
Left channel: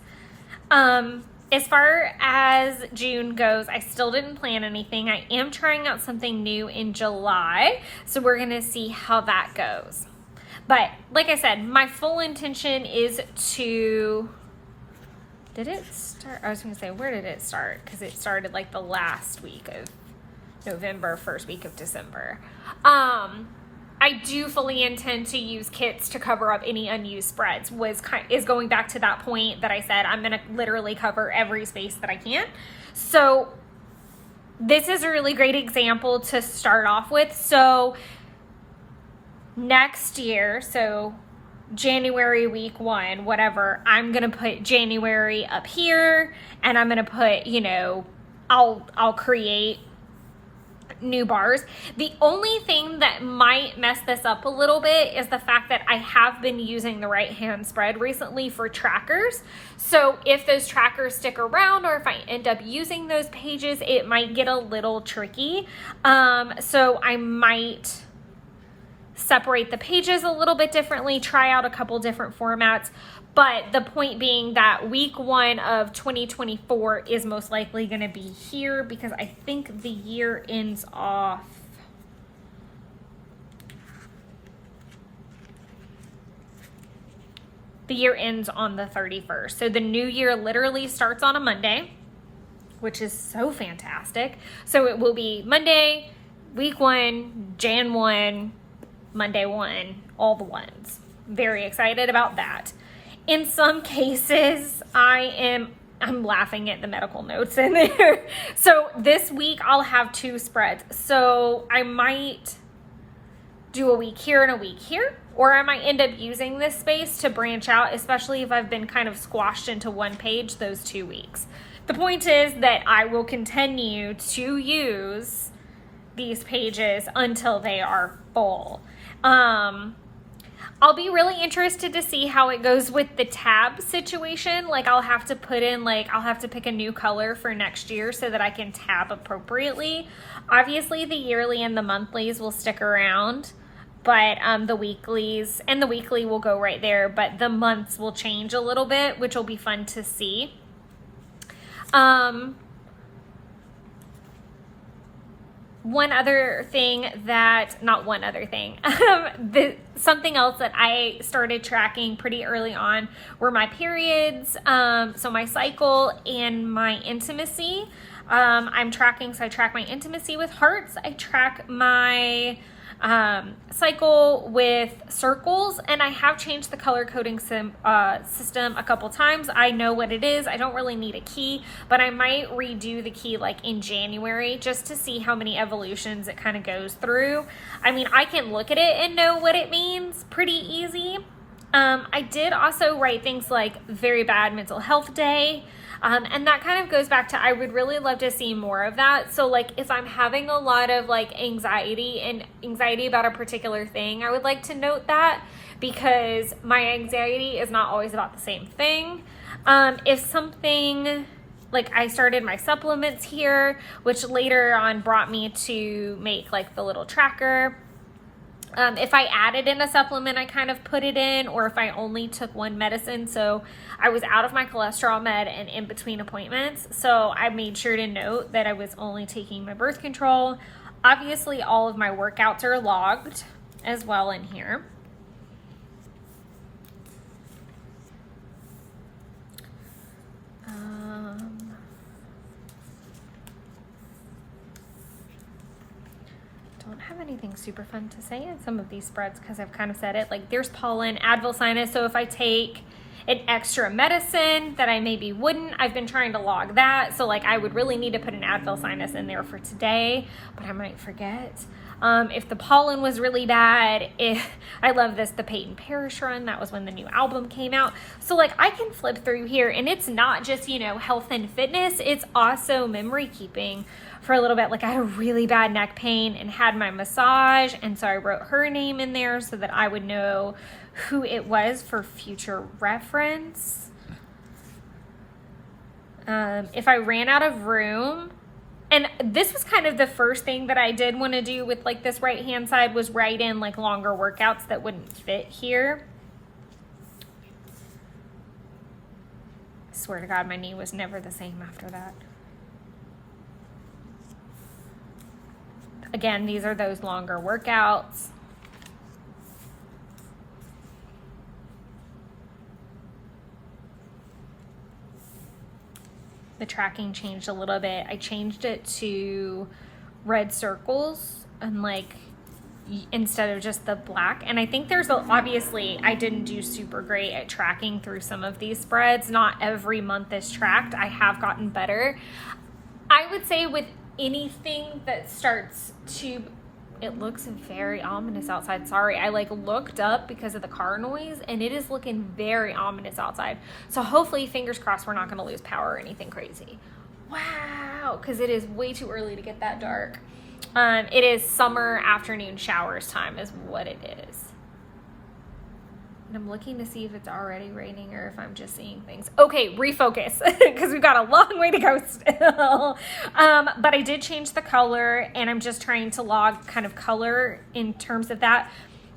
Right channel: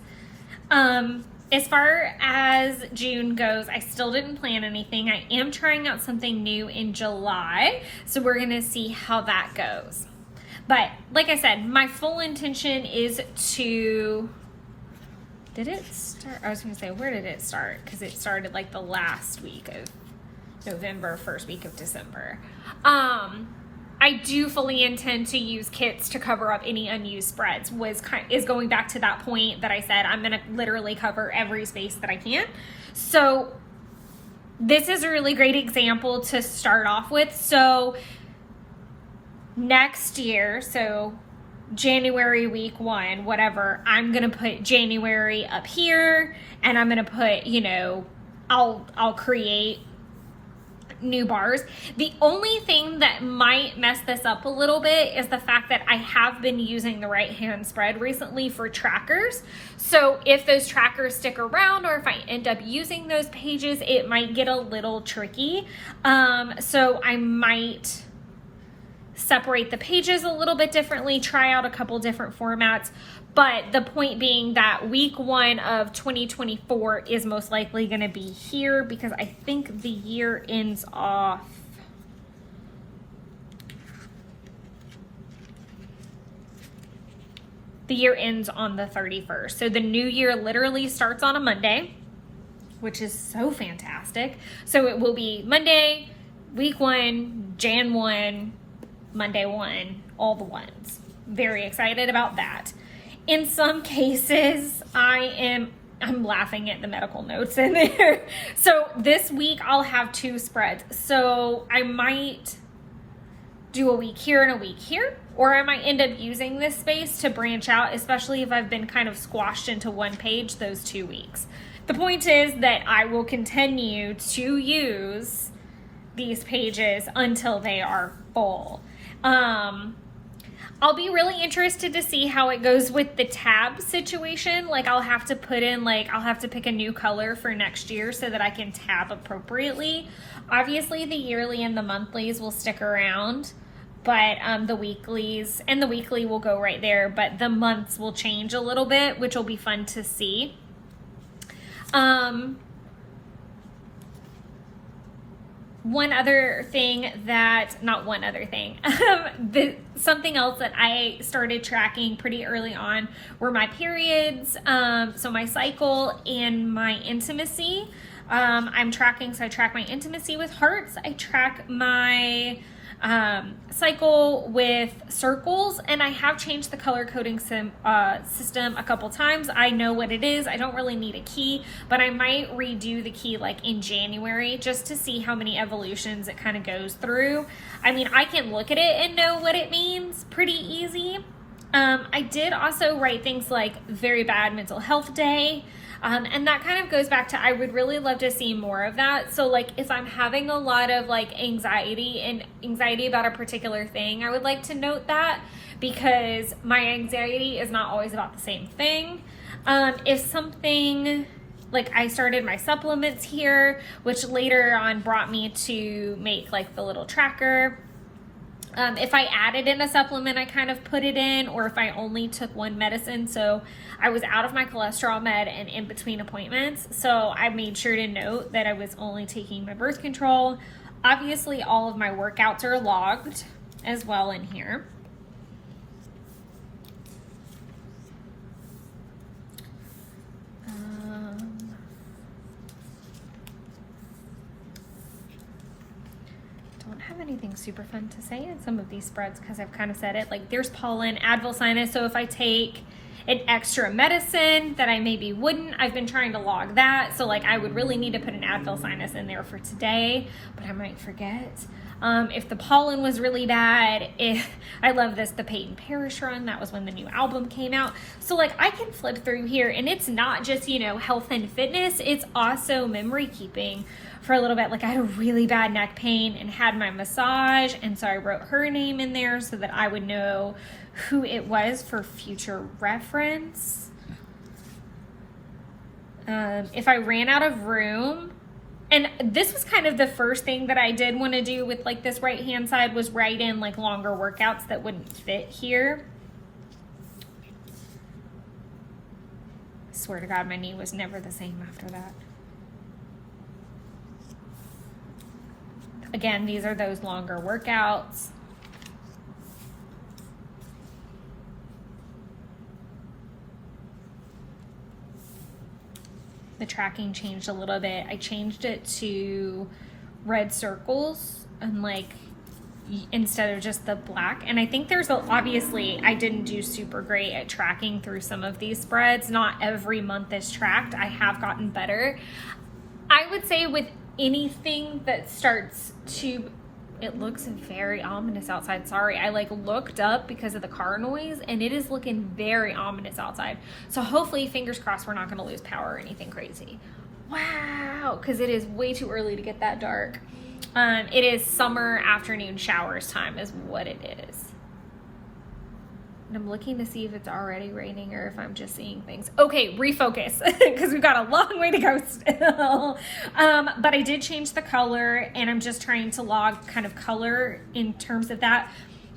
As far as June goes, I still didn't plan anything. I am trying out something new in July, so we're going to see how that goes. But like I said, my full intention is to... Did it start? I was going to say, where did it start? Because it started like the last week of November, first week of December. I do fully intend to use kits to cover up any unused spreads. Is going back to that point that I said I'm going to literally cover every space that I can. So this is a really great example to start off with. So next year, so January week 1, whatever, I'm going to put January up here, and I'm going to put, you know, I'll create new bars. The only thing that might mess this up a little bit is the fact that I have been using the right hand spread recently for trackers. So if those trackers stick around, or if I end up using those pages, it might get a little tricky. So I might separate the pages a little bit differently, try out a couple different formats. But the point being that week 1 of 2024 is most likely going to be here, because I think the year ends off. The year ends on the 31st. So the new year literally starts on a Monday, which is so fantastic. So it will be Monday, week 1, Jan 1, Monday 1, all the ones. Very excited about that. In some cases, I'm laughing at the medical notes in there. So this week I'll have 2 spreads. So I might do a week here and a week here, or I might end up using this space to branch out, especially if I've been kind of squashed into one page those 2 weeks. The point is that I will continue to use these pages until they are full. I'll be really interested to see how it goes with the tab situation. Like I'll have to put in, I'll have to pick a new color for next year so that I can tab appropriately. Obviously the yearly and the monthlies will stick around, but the weeklies and the weekly will go right there, but the months will change a little bit, which will be fun to see. Something else that I started tracking pretty early on were my periods, so my cycle and my intimacy. I track my intimacy with hearts. I track my cycle with circles, and I have changed the color coding system a couple times. I know what it is. I don't really need a key, but I might redo the key in January just to see how many evolutions it kind of goes through. I mean, I can look at it and know what it means pretty easy. I did also write things like very bad mental health day. And that kind of goes back to, I would really love to see more of that. So if I'm having a lot of anxiety about a particular thing, I would like to note that, because my anxiety is not always about the same thing. If something, I started my supplements here, which later on brought me to make the little tracker. If I added in a supplement, I kind of put it in, or if I only took one medicine. So I was out of my cholesterol med and in between appointments. So I made sure to note that I was only taking my birth control. Obviously, all of my workouts are logged as well in here. Don't have anything super fun to say in some of these spreads because I've kind of said it. Like there's pollen, Advil sinus. So if I take an extra medicine that I maybe wouldn't, I've been trying to log that. So like I would really need to put an Advil sinus in there for today, but I might forget. If the pollen was really bad, I love this, the Peyton Parrish run, that was when the new album came out. So like I can flip through here and it's not just, you know, health and fitness, it's also memory keeping for a little bit. Like I had a really bad neck pain and had my massage. And so I wrote her name in there so that I would know who it was for future reference. If I ran out of room, and this was kind of the first thing that I did want to do with like this right hand side, was write in like longer workouts that wouldn't fit here. I swear to God, my knee was never the same after that. Again, these are those longer workouts. The tracking changed a little bit. I changed it to red circles and like instead of just the black. And I think there's obviously I didn't do super great at tracking through some of these spreads. Not every month is tracked. I have gotten better. I would say with anything that starts to, it looks very ominous outside. Sorry, I like looked up because of the car noise and it is looking very ominous outside. So hopefully, fingers crossed, we're not going to lose power or anything crazy. Wow, because it is way too early to get that dark. It is summer afternoon showers time is what it is. And I'm looking to see if it's already raining or if I'm just seeing things. Okay, refocus, because we've got a long way to go still. But I did change the color, and I'm just trying to log kind of color in terms of that.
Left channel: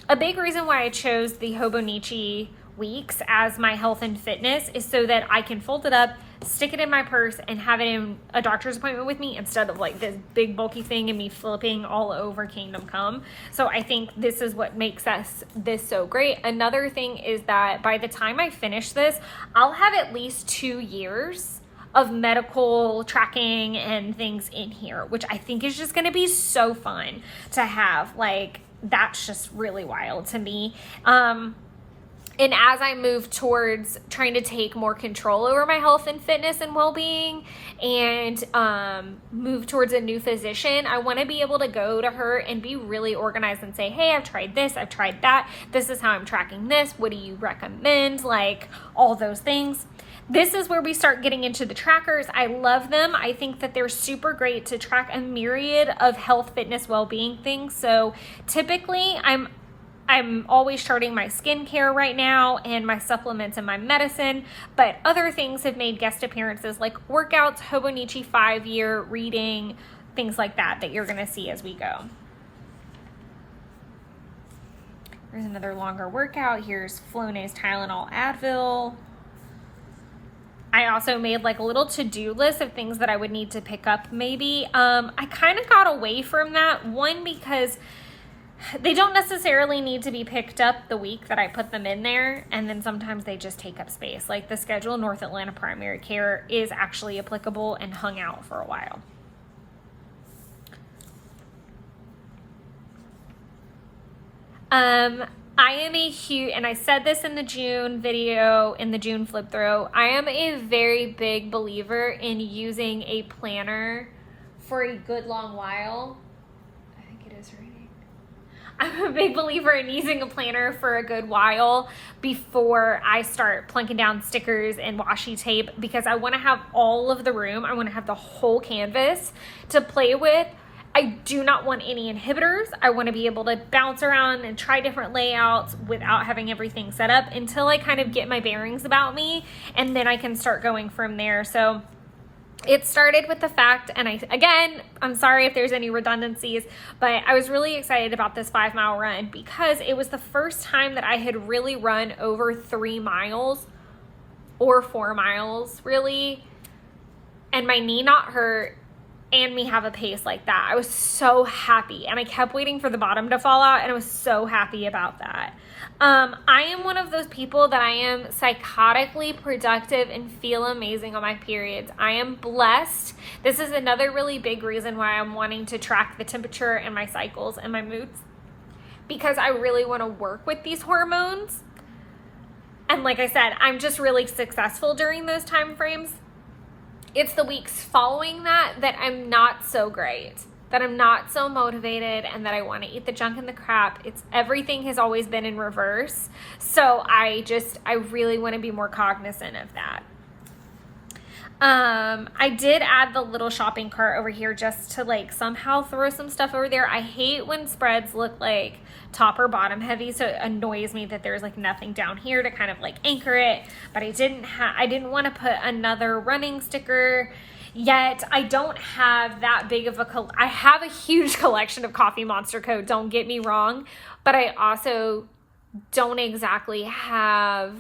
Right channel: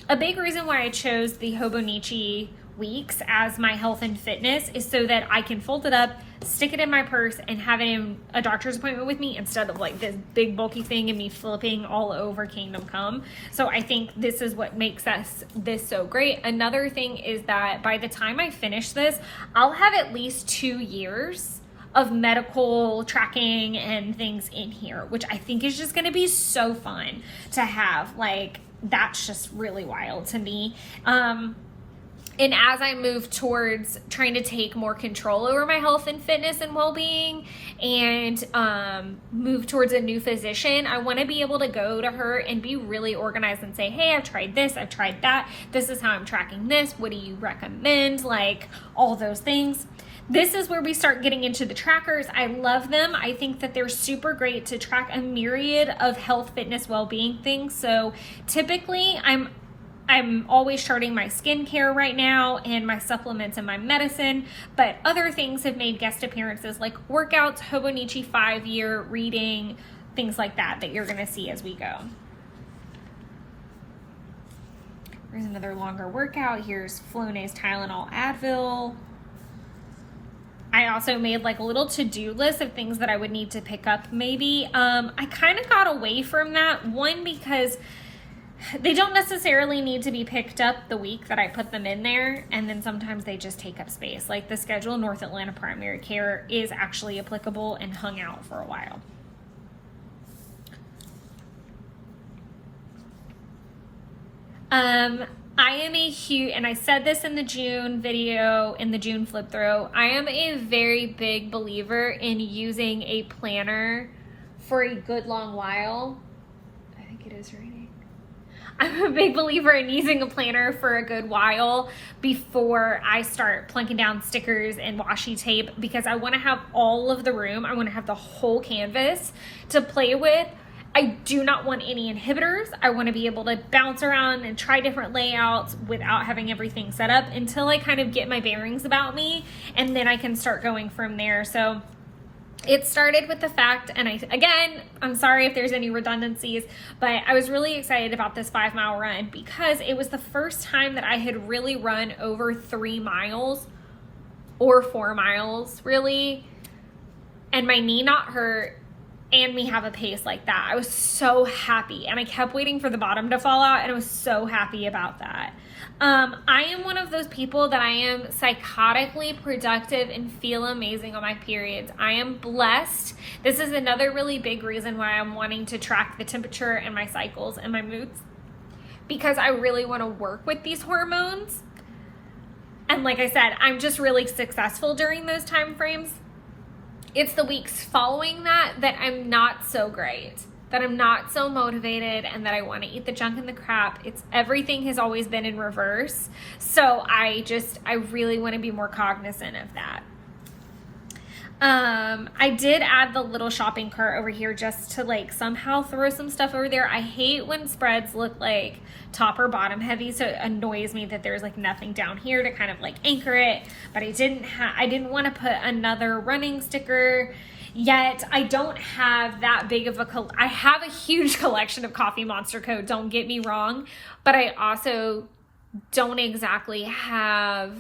A big reason why I chose the Hobonichi weeks as my health and fitness is so that I can fold it up, stick it in my purse, and have it in a doctor's appointment with me instead of like this big bulky thing and me flipping all over Kingdom Come. So I think this is what makes this so great. Another thing is that by the time I finish this, I'll have at least 2 years of medical tracking and things in here, which I think is just going to be so fun to have. Like, that's just really wild to me. And as I move towards trying to take more control over my health and fitness and well-being and move towards a new physician, I want to be able to go to her and be really organized and say, hey, I've tried this, I've tried that. This is how I'm tracking this. What do you recommend? Like all those things. This is where we start getting into the trackers. I love them. I think that they're super great to track a myriad of health, fitness, well-being things. So typically I'm always charting my skincare right now and my supplements and my medicine, but other things have made guest appearances like workouts, Hobonichi 5-year reading, things like that you're going to see as we go. There's another longer workout. Here's Flonase, Tylenol, Advil. I also made like a little to-do list of things that I would need to pick up maybe. I kind of got away from that. One, because they don't necessarily need to be picked up the week that I put them in there, and then sometimes they just take up space. Like the schedule North Atlanta Primary Care is actually applicable and hung out for a while. I am a huge, and I said this in the June video, in the June flip through, I am a very big believer in using a planner for a good long while. I think it is raining. I'm a big believer in using a planner for a good while before I start plunking down stickers and washi tape, because I want to have all of the room. I want to have the whole canvas to play with. I do not want any inhibitors. I want to be able to bounce around and try different layouts without having everything set up until I kind of get my bearings about me, and then I can start going from there. So It started with the fact, and I'm sorry if there's any redundancies, but I was really excited about this 5-mile run because it was the first time that I had really run over 3 miles or 4 miles, really, and my knee not hurt, and me have a pace like that. I was so happy, and I kept waiting for the bottom to fall out, and I was so happy about that. I am one of those people that I am psychotically productive and feel amazing on my periods. I am blessed. This is another really big reason why I'm wanting to track the temperature and my cycles and my moods, because I really want to work with these hormones. And like I said, I'm just really successful during those time frames. It's the weeks following that I'm not so great, that I'm not so motivated, and that I want to eat the junk and the crap. Everything has always been in reverse. So I really want to be more cognizant of that. I did add the little shopping cart over here just to like somehow throw some stuff over there. I hate when spreads look like top or bottom heavy, so it annoys me that there's like nothing down here to kind of like anchor it. But I didn't want to put another running sticker yet. I don't have that big of I have a huge collection of Coffee Monster Code, don't get me wrong, but I also don't exactly have,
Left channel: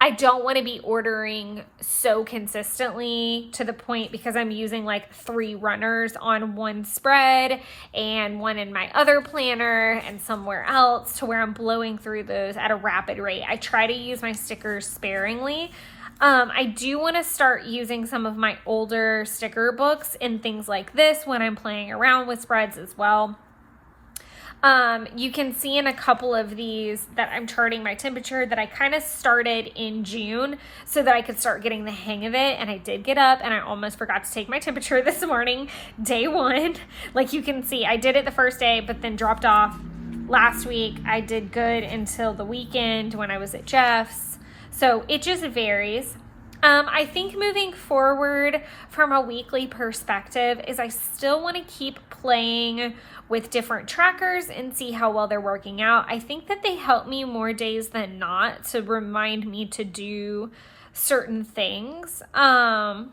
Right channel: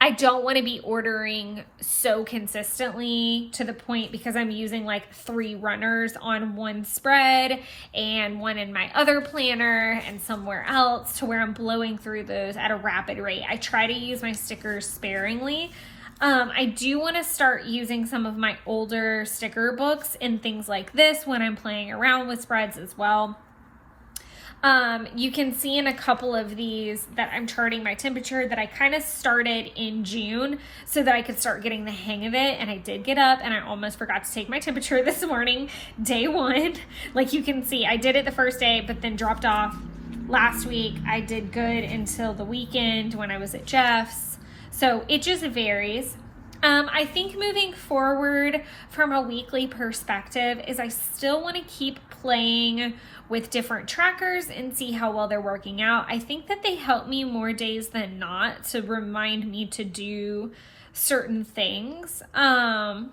I don't want to be ordering so consistently to the point, because I'm using like 3 runners on one spread and one in my other planner and somewhere else, to where I'm blowing through those at a rapid rate. I try to use my stickers sparingly. I do want to start using some of my older sticker books and things like this when I'm playing around with spreads as well. You can see in a couple of these that I'm charting my temperature, that I kind of started in June so that I could start getting the hang of it. And I did get up and I almost forgot to take my temperature this morning, day 1. Like you can see, I did it the first day, but then dropped off. Last week, I did good until the weekend when I was at Jeff's. So it just varies. I think moving forward from a weekly perspective is I still want to keep playing with different trackers and see how well they're working out. I think that they help me more days than not to remind me to do certain things. I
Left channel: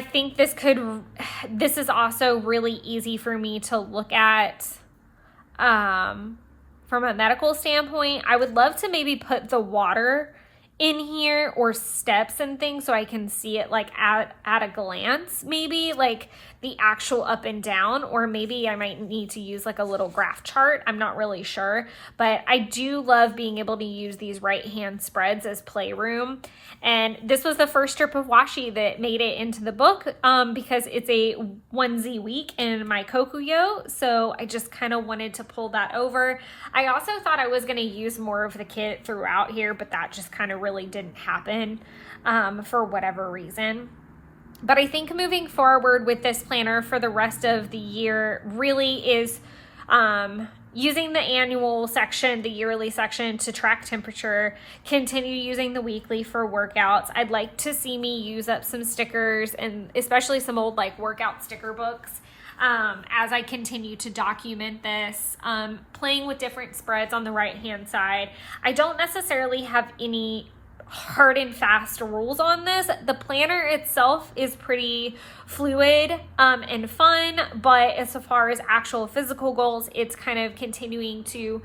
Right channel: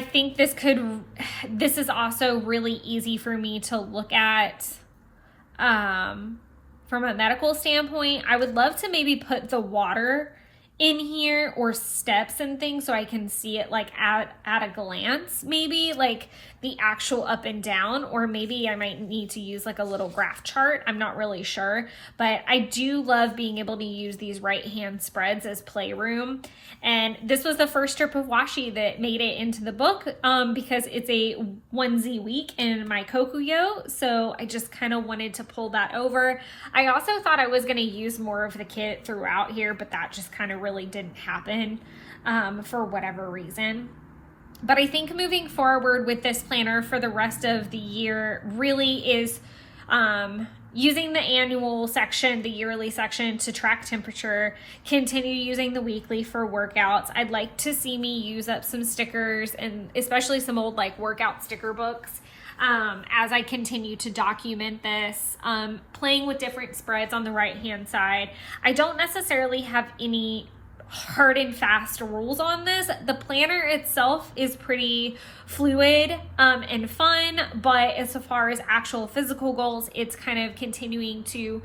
think this is also really easy for me to look at from a medical standpoint. I would love to maybe put the water in here or steps and things so I can see it like at a glance, maybe like the actual up and down, or maybe I might need to use like a little graph chart. I'm not really sure, but I do love being able to use these right hand spreads as playroom. And this was the first strip of washi that made it into the book because it's a onesie week in my Kokuyo. So I just kind of wanted to pull that over. I also thought I was going to use more of the kit throughout here, but that just kind of really didn't happen for whatever reason. But I think moving forward with this planner for the rest of the year really is using the annual section, the yearly section to track temperature, continue using the weekly for workouts. I'd like to see me use up some stickers, and especially some old like workout sticker books as I continue to document this, playing with different spreads on the right hand side. I don't necessarily have any hard and fast rules on this. The planner itself is pretty fluid and fun, but as far as actual physical goals, it's kind of continuing to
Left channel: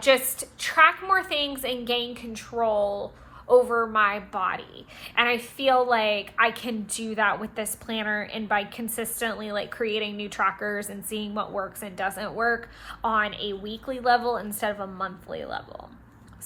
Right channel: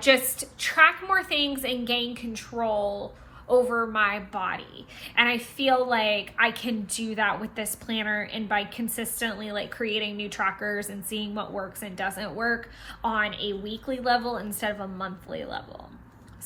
just track more things and gain control over my body. And I feel like I can do that with this planner, and by consistently like creating new trackers and seeing what works and doesn't work on a weekly level instead of a monthly level.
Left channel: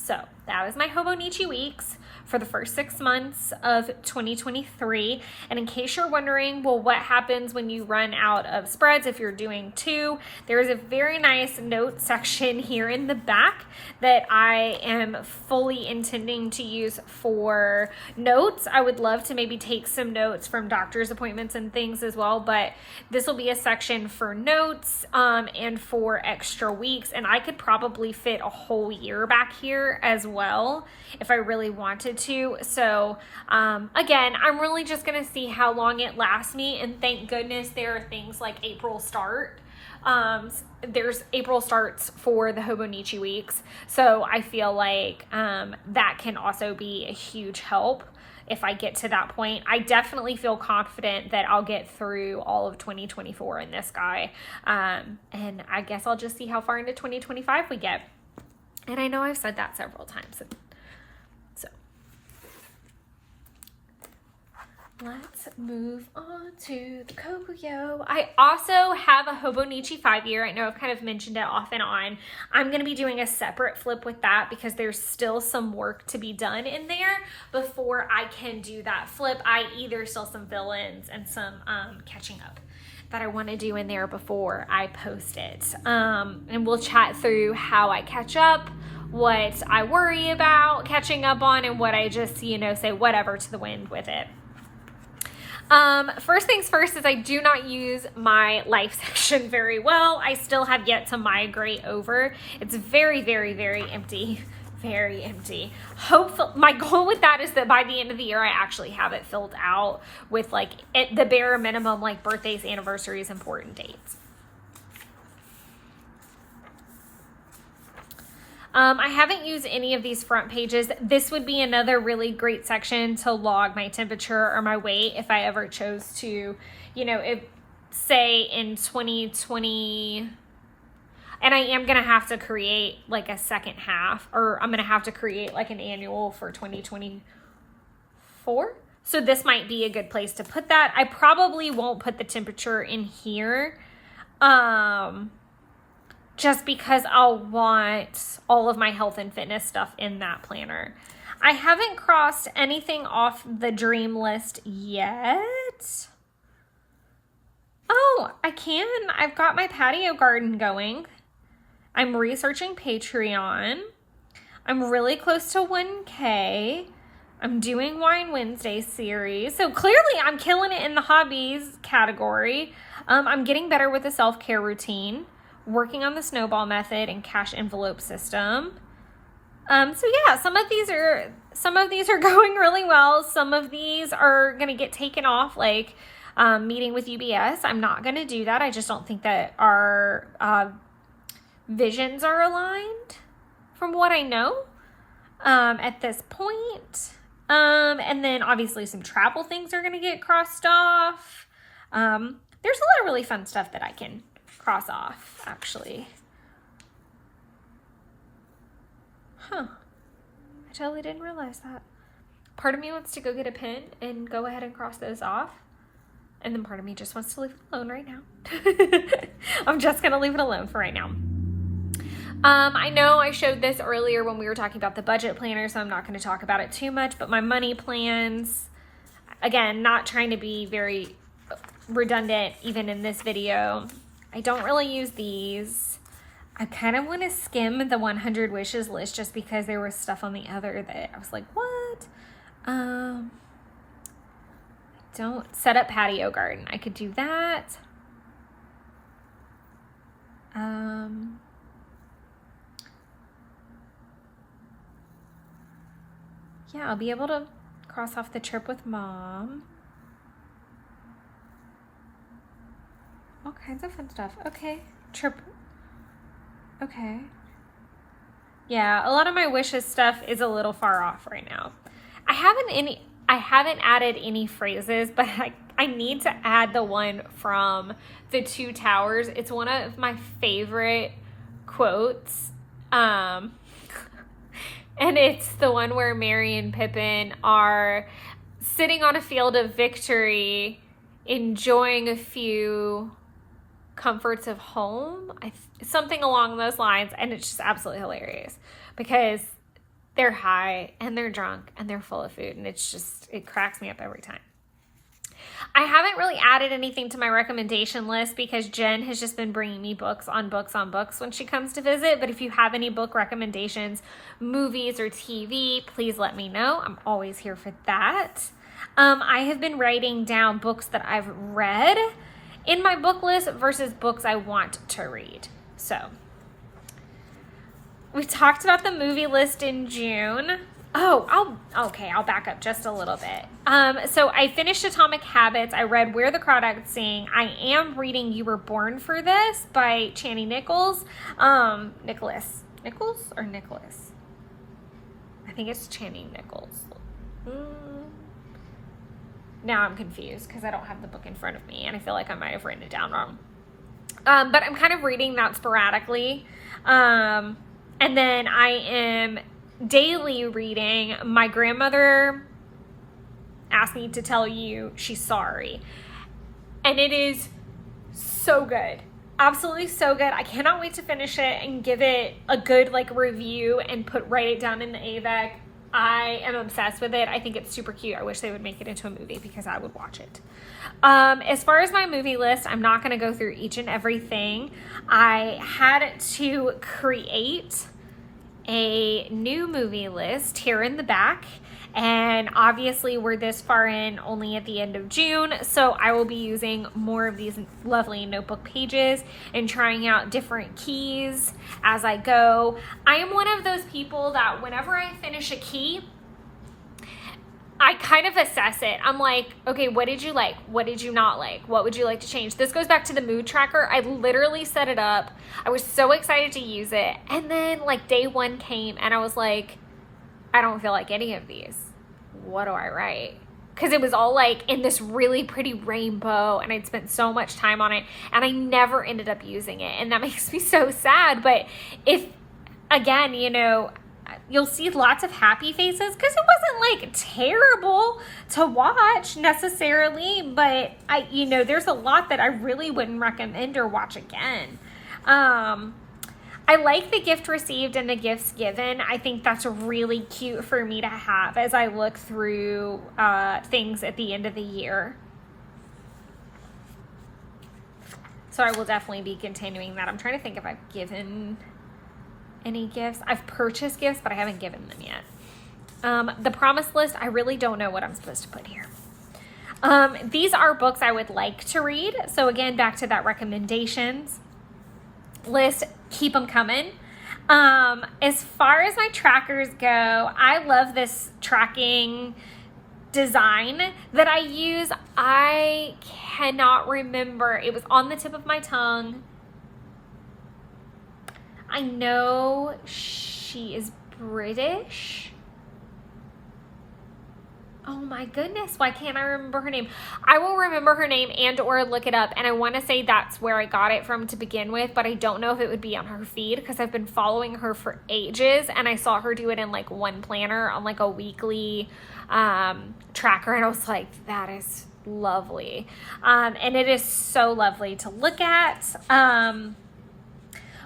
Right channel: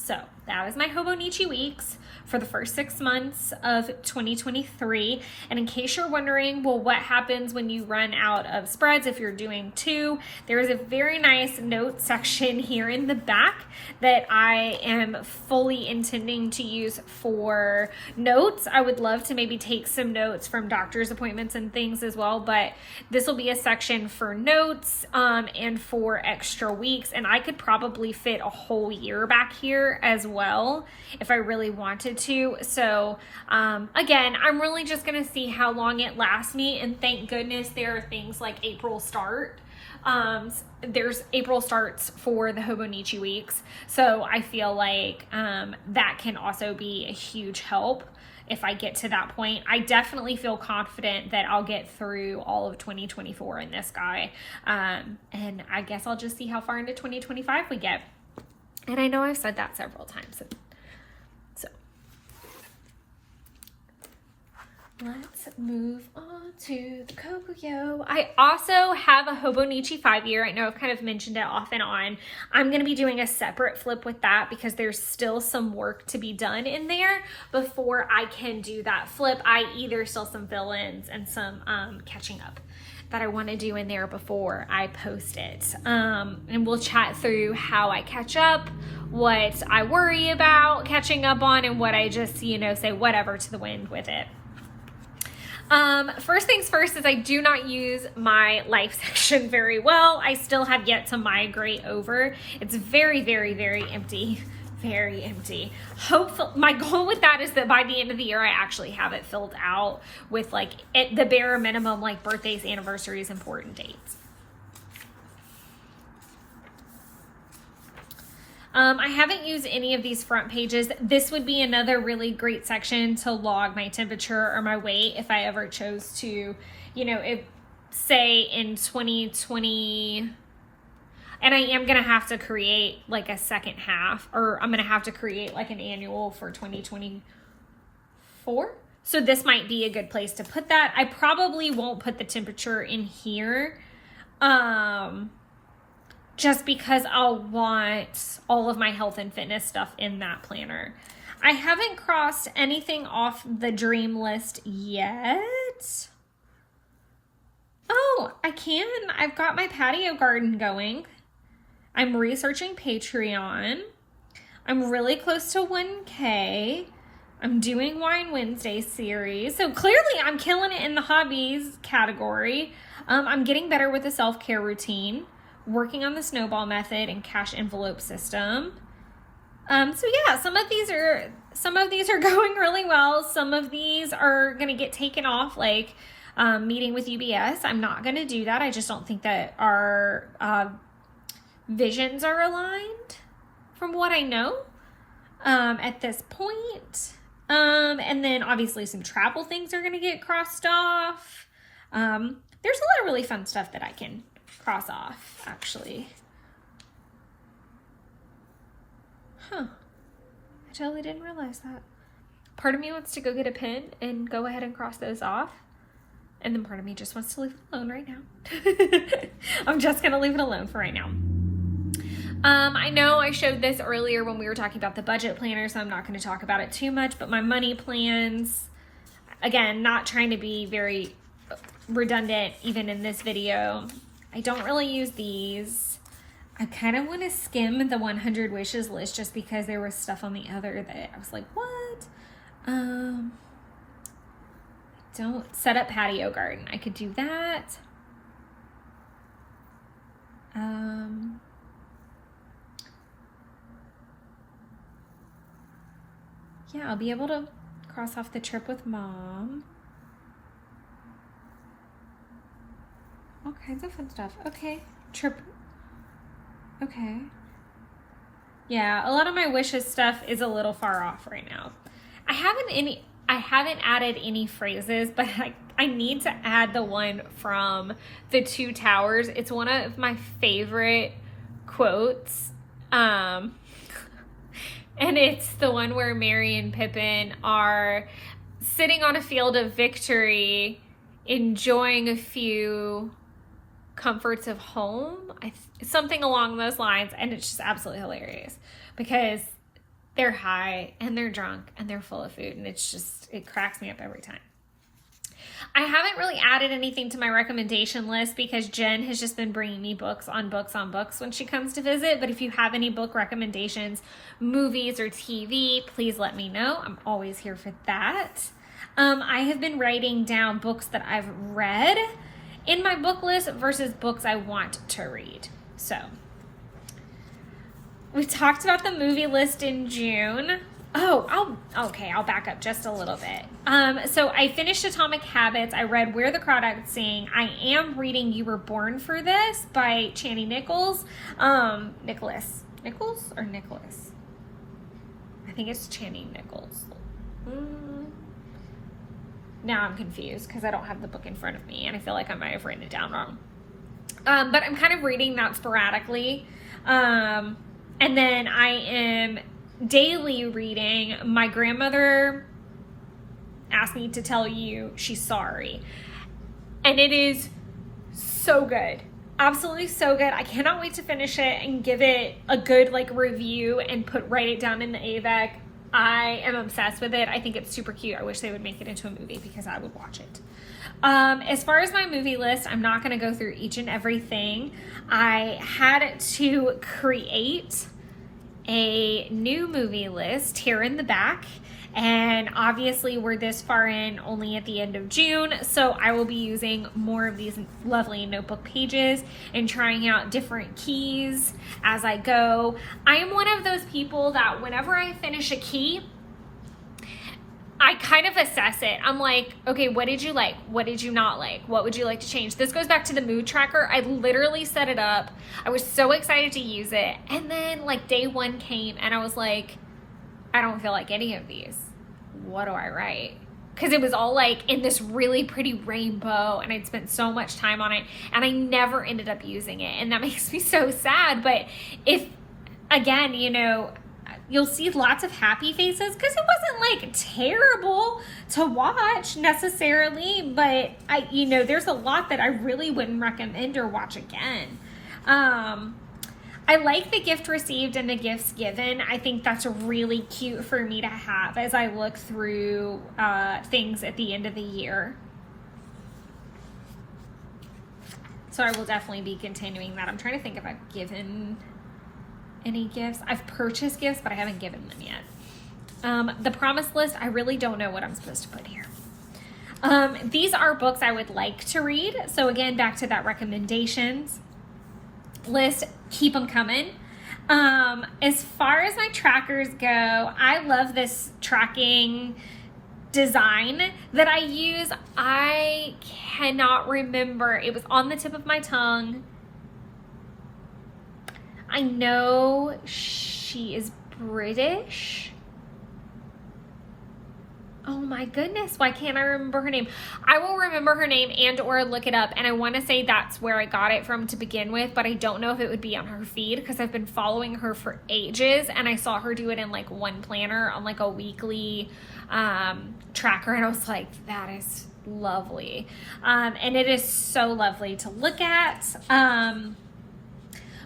So that was my Hobonichi weeks for the first 6 months of 2023. And in case you're wondering, well, what happens when you run out of spreads if you're doing 2, there is a very nice note section here in the back that I am fully intending to use for notes. I would love to maybe take some notes from doctor's appointments and things as well, but this will be a section for notes and for extra weeks, and I could probably fit a whole year back here as well if I really wanted to. So again, I'm really just gonna see how long it lasts me, and thank goodness there are things like April start. There's April starts for the Hobonichi weeks, so I feel like that can also be a huge help if I get to that point. I definitely feel confident that I'll get through all of 2024 in this guy. And I guess I'll just see how far into 2025 we get. And I know I've said that several times. So let's move on to the Kokuyo. I also have a Hobonichi 5-year. I know I've kind of mentioned it off and on. I'm going to be doing a separate flip with that because there's still some work to be done in there before I can do that flip, i.e. there's still some fill-ins and some catching up that I want to do in there before I post it. And we'll chat through how I catch up, what I worry about catching up on, and what I just, say whatever to the wind with it. First things first is I do not use my life section very well. I still have yet to migrate over. It's very, very, very empty. Very empty. Hopefully, my goal with that is that by the end of the year, I actually have it filled out with the bare minimum, like birthdays, anniversaries, important dates. I haven't used any of these front pages. This would be another really great section to log my temperature or my weight if I ever chose to, if say in 2020, and I am going to have to create like a second half, or I'm going to have to create like an annual for 2024. So this might be a good place to put that. I probably won't put the temperature in here. Just because I'll want all of my health and fitness stuff in that planner. I haven't crossed anything off the dream list yet. Oh, I can. I've got my patio garden going. I'm researching Patreon. I'm really close to 1K. I'm doing Wine Wednesday series. So clearly I'm killing it in the hobbies category. I'm getting better with the self-care routine. Working on the snowball method and cash envelope system. So yeah, some of these are going really well. Some of these are going to get taken off, like meeting with UBS. I'm not going to do that. I just don't think that our visions are aligned from what I know at this point. And then obviously some travel things are going to get crossed off. There's a lot of really fun stuff that I can cross off, actually. I totally didn't realize that. Part of me wants to go get a pen and go ahead and cross those off. And then part of me just wants to leave it alone right now. I'm just going to leave it alone for right now. I know I showed this earlier when we were talking about the budget planner, so I'm not going to talk about it too much, but my money plans, again, not trying to be very redundant even in this video. I don't really use these. I kind of want to skim the 100 wishes list just because there was stuff on the other that I was like, what? Don't set up patio garden. I could do that. Yeah, I'll be able to cross off the trip with mom. All kinds of fun stuff. Okay. Trip. Okay. Yeah, a lot of my wishes stuff is a little far off right now. I haven't added any phrases, but I need to add the one from The Two Towers. It's one of my favorite quotes. And it's the one where Merry and Pippin are sitting on a field of victory, enjoying a few comforts of home, something along those lines, and it's just absolutely hilarious because they're high and they're drunk and they're full of food, and it cracks me up every time. I haven't really added anything to my recommendation list because Jen has just been bringing me books on books on books when she comes to visit, but if you have any book recommendations, movies or TV, please let me know. I'm always here for that. I have been writing down books that I've read in my book list versus books I want to read. So we talked about the movie list in June. I'll back up just a little bit. So I finished Atomic Habits. I read Where the Crawdads Sing. I am reading You Were Born for This by Chani Nichols. Nicholas? I think it's Chani Nichols. now I'm confused because I don't have the book in front of me and I feel like I might have written it down wrong. But I'm kind of reading that sporadically. And then I am daily reading My Grandmother Asked Me to Tell You She's Sorry. And it is so good. Absolutely so good. I cannot wait to finish it and give it a good review and write it down in the AVEC. I am obsessed with it. I think it's super cute. I wish they would make it into a movie because I would watch it. As far as my movie list, I'm not going to go through each and everything. I had to create a new movie list here in the back. And obviously we're this far in only at the end of June, so I will be using more of these lovely notebook pages and trying out different keys as I go. I am one of those people that whenever I finish a key, I kind of assess it. I'm like, okay, what did you like? What did you not like? What would you like to change? This goes back to the mood tracker. I literally set it up. I was so excited to use it. And then day one came and I was like, I don't feel like any of these. What do I write? Because it was all in this really pretty rainbow and I'd spent so much time on it and I never ended up using it. And that makes me so sad. But if, again, you'll see lots of happy faces because it wasn't terrible to watch necessarily. But there's a lot that I really wouldn't recommend or watch again. I like the gift received and the gifts given. I think that's really cute for me to have as I look through things at the end of the year. So I will definitely be continuing that. I'm trying to think if I've given any gifts. I've purchased gifts, but I haven't given them yet. The promise list, I really don't know what I'm supposed to put here. These are books I would like to read. So again, back to that recommendations list, keep them coming. As far as my trackers go, I love this tracking design that I use. I cannot remember. It was on the tip of my tongue. I know she is British. Oh my goodness, why can't I remember her name? I will remember her name and or look it up, and I want to say that's where I got it from to begin with, but I don't know if it would be on her feed because I've been following her for ages, and I saw her do it in one planner on a weekly tracker, and I was like, that is lovely. And it is so lovely to look at.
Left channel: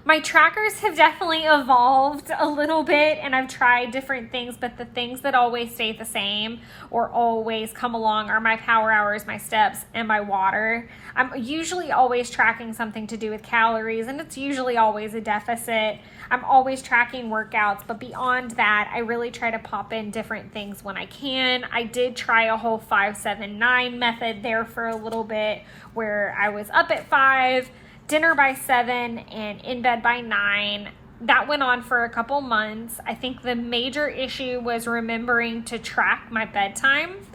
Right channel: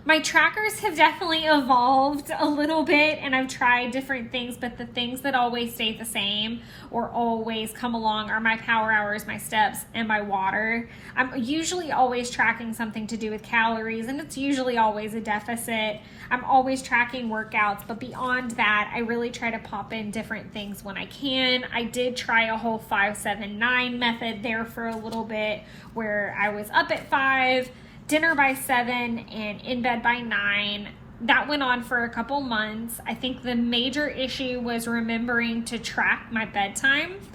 My trackers have definitely evolved a little bit and I've tried different things, but the things that always stay the same or always come along are my power hours, my steps, and my water. I'm usually always tracking something to do with calories and it's usually always a deficit. I'm always tracking workouts, but beyond that, I really try to pop in different things when I can. I did try a whole 5-7-9 method there for a little bit where I was up at 5, dinner by 7, and in bed by 9. That went on for a couple months. I think the major issue was remembering to track my bedtime.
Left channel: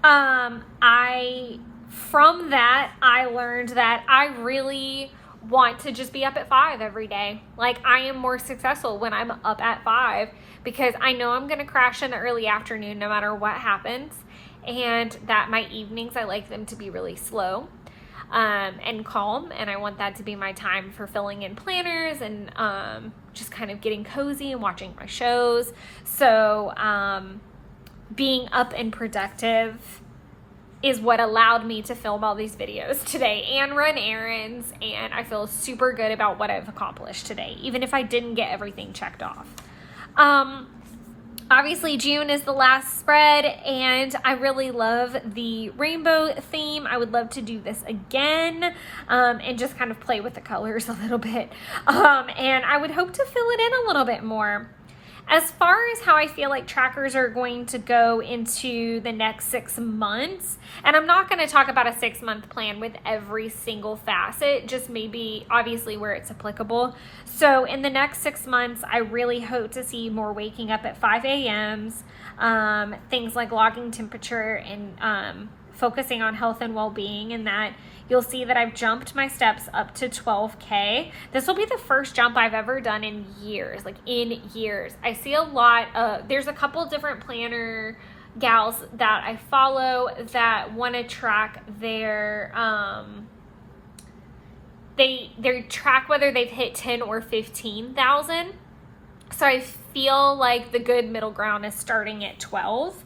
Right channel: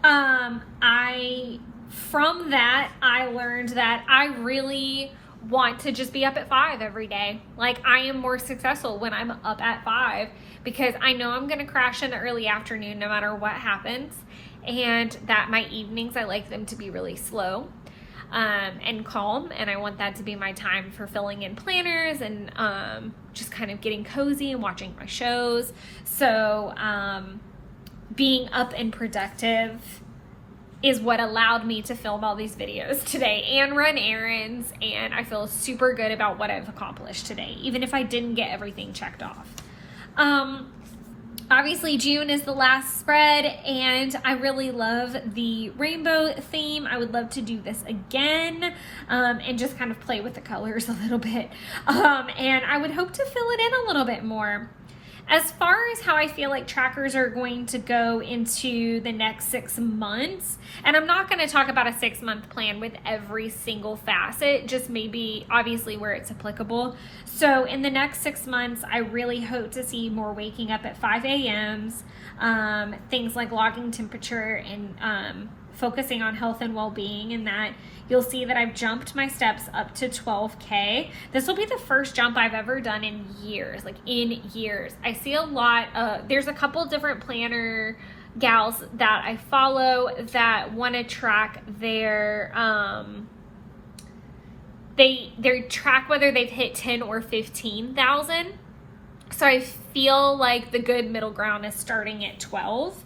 From that, I learned that I really want to just be up at 5 every day. I am more successful when I'm up at 5 because I know I'm going to crash in the early afternoon no matter what happens, and that my evenings, I like them to be really slow. And calm, and I want that to be my time for filling in planners and just kind of getting cozy and watching my shows. So being up and productive is what allowed me to film all these videos today and run errands, and I feel super good about what I've accomplished today, even if I didn't get everything checked off. Obviously, June is the last spread, and I really love the rainbow theme. I would love to do this again and just kind of play with the colors a little bit. And I would hope to fill it in a little bit more. As far as how I feel like trackers are going to go into the next 6 months, and I'm not going to talk about a 6-month plan with every single facet, just maybe obviously where it's applicable. So in the next 6 months, I really hope to see more waking up at 5 a.m.s, things like logging temperature and focusing on health and well-being, and that you'll see that I've jumped my steps up to 12K. This will be the first jump I've ever done in years, I see a lot of, there's a couple different planner gals that I follow that want to track their, they track whether they've hit 10 or 15,000. So I feel like the good middle ground is starting at 12.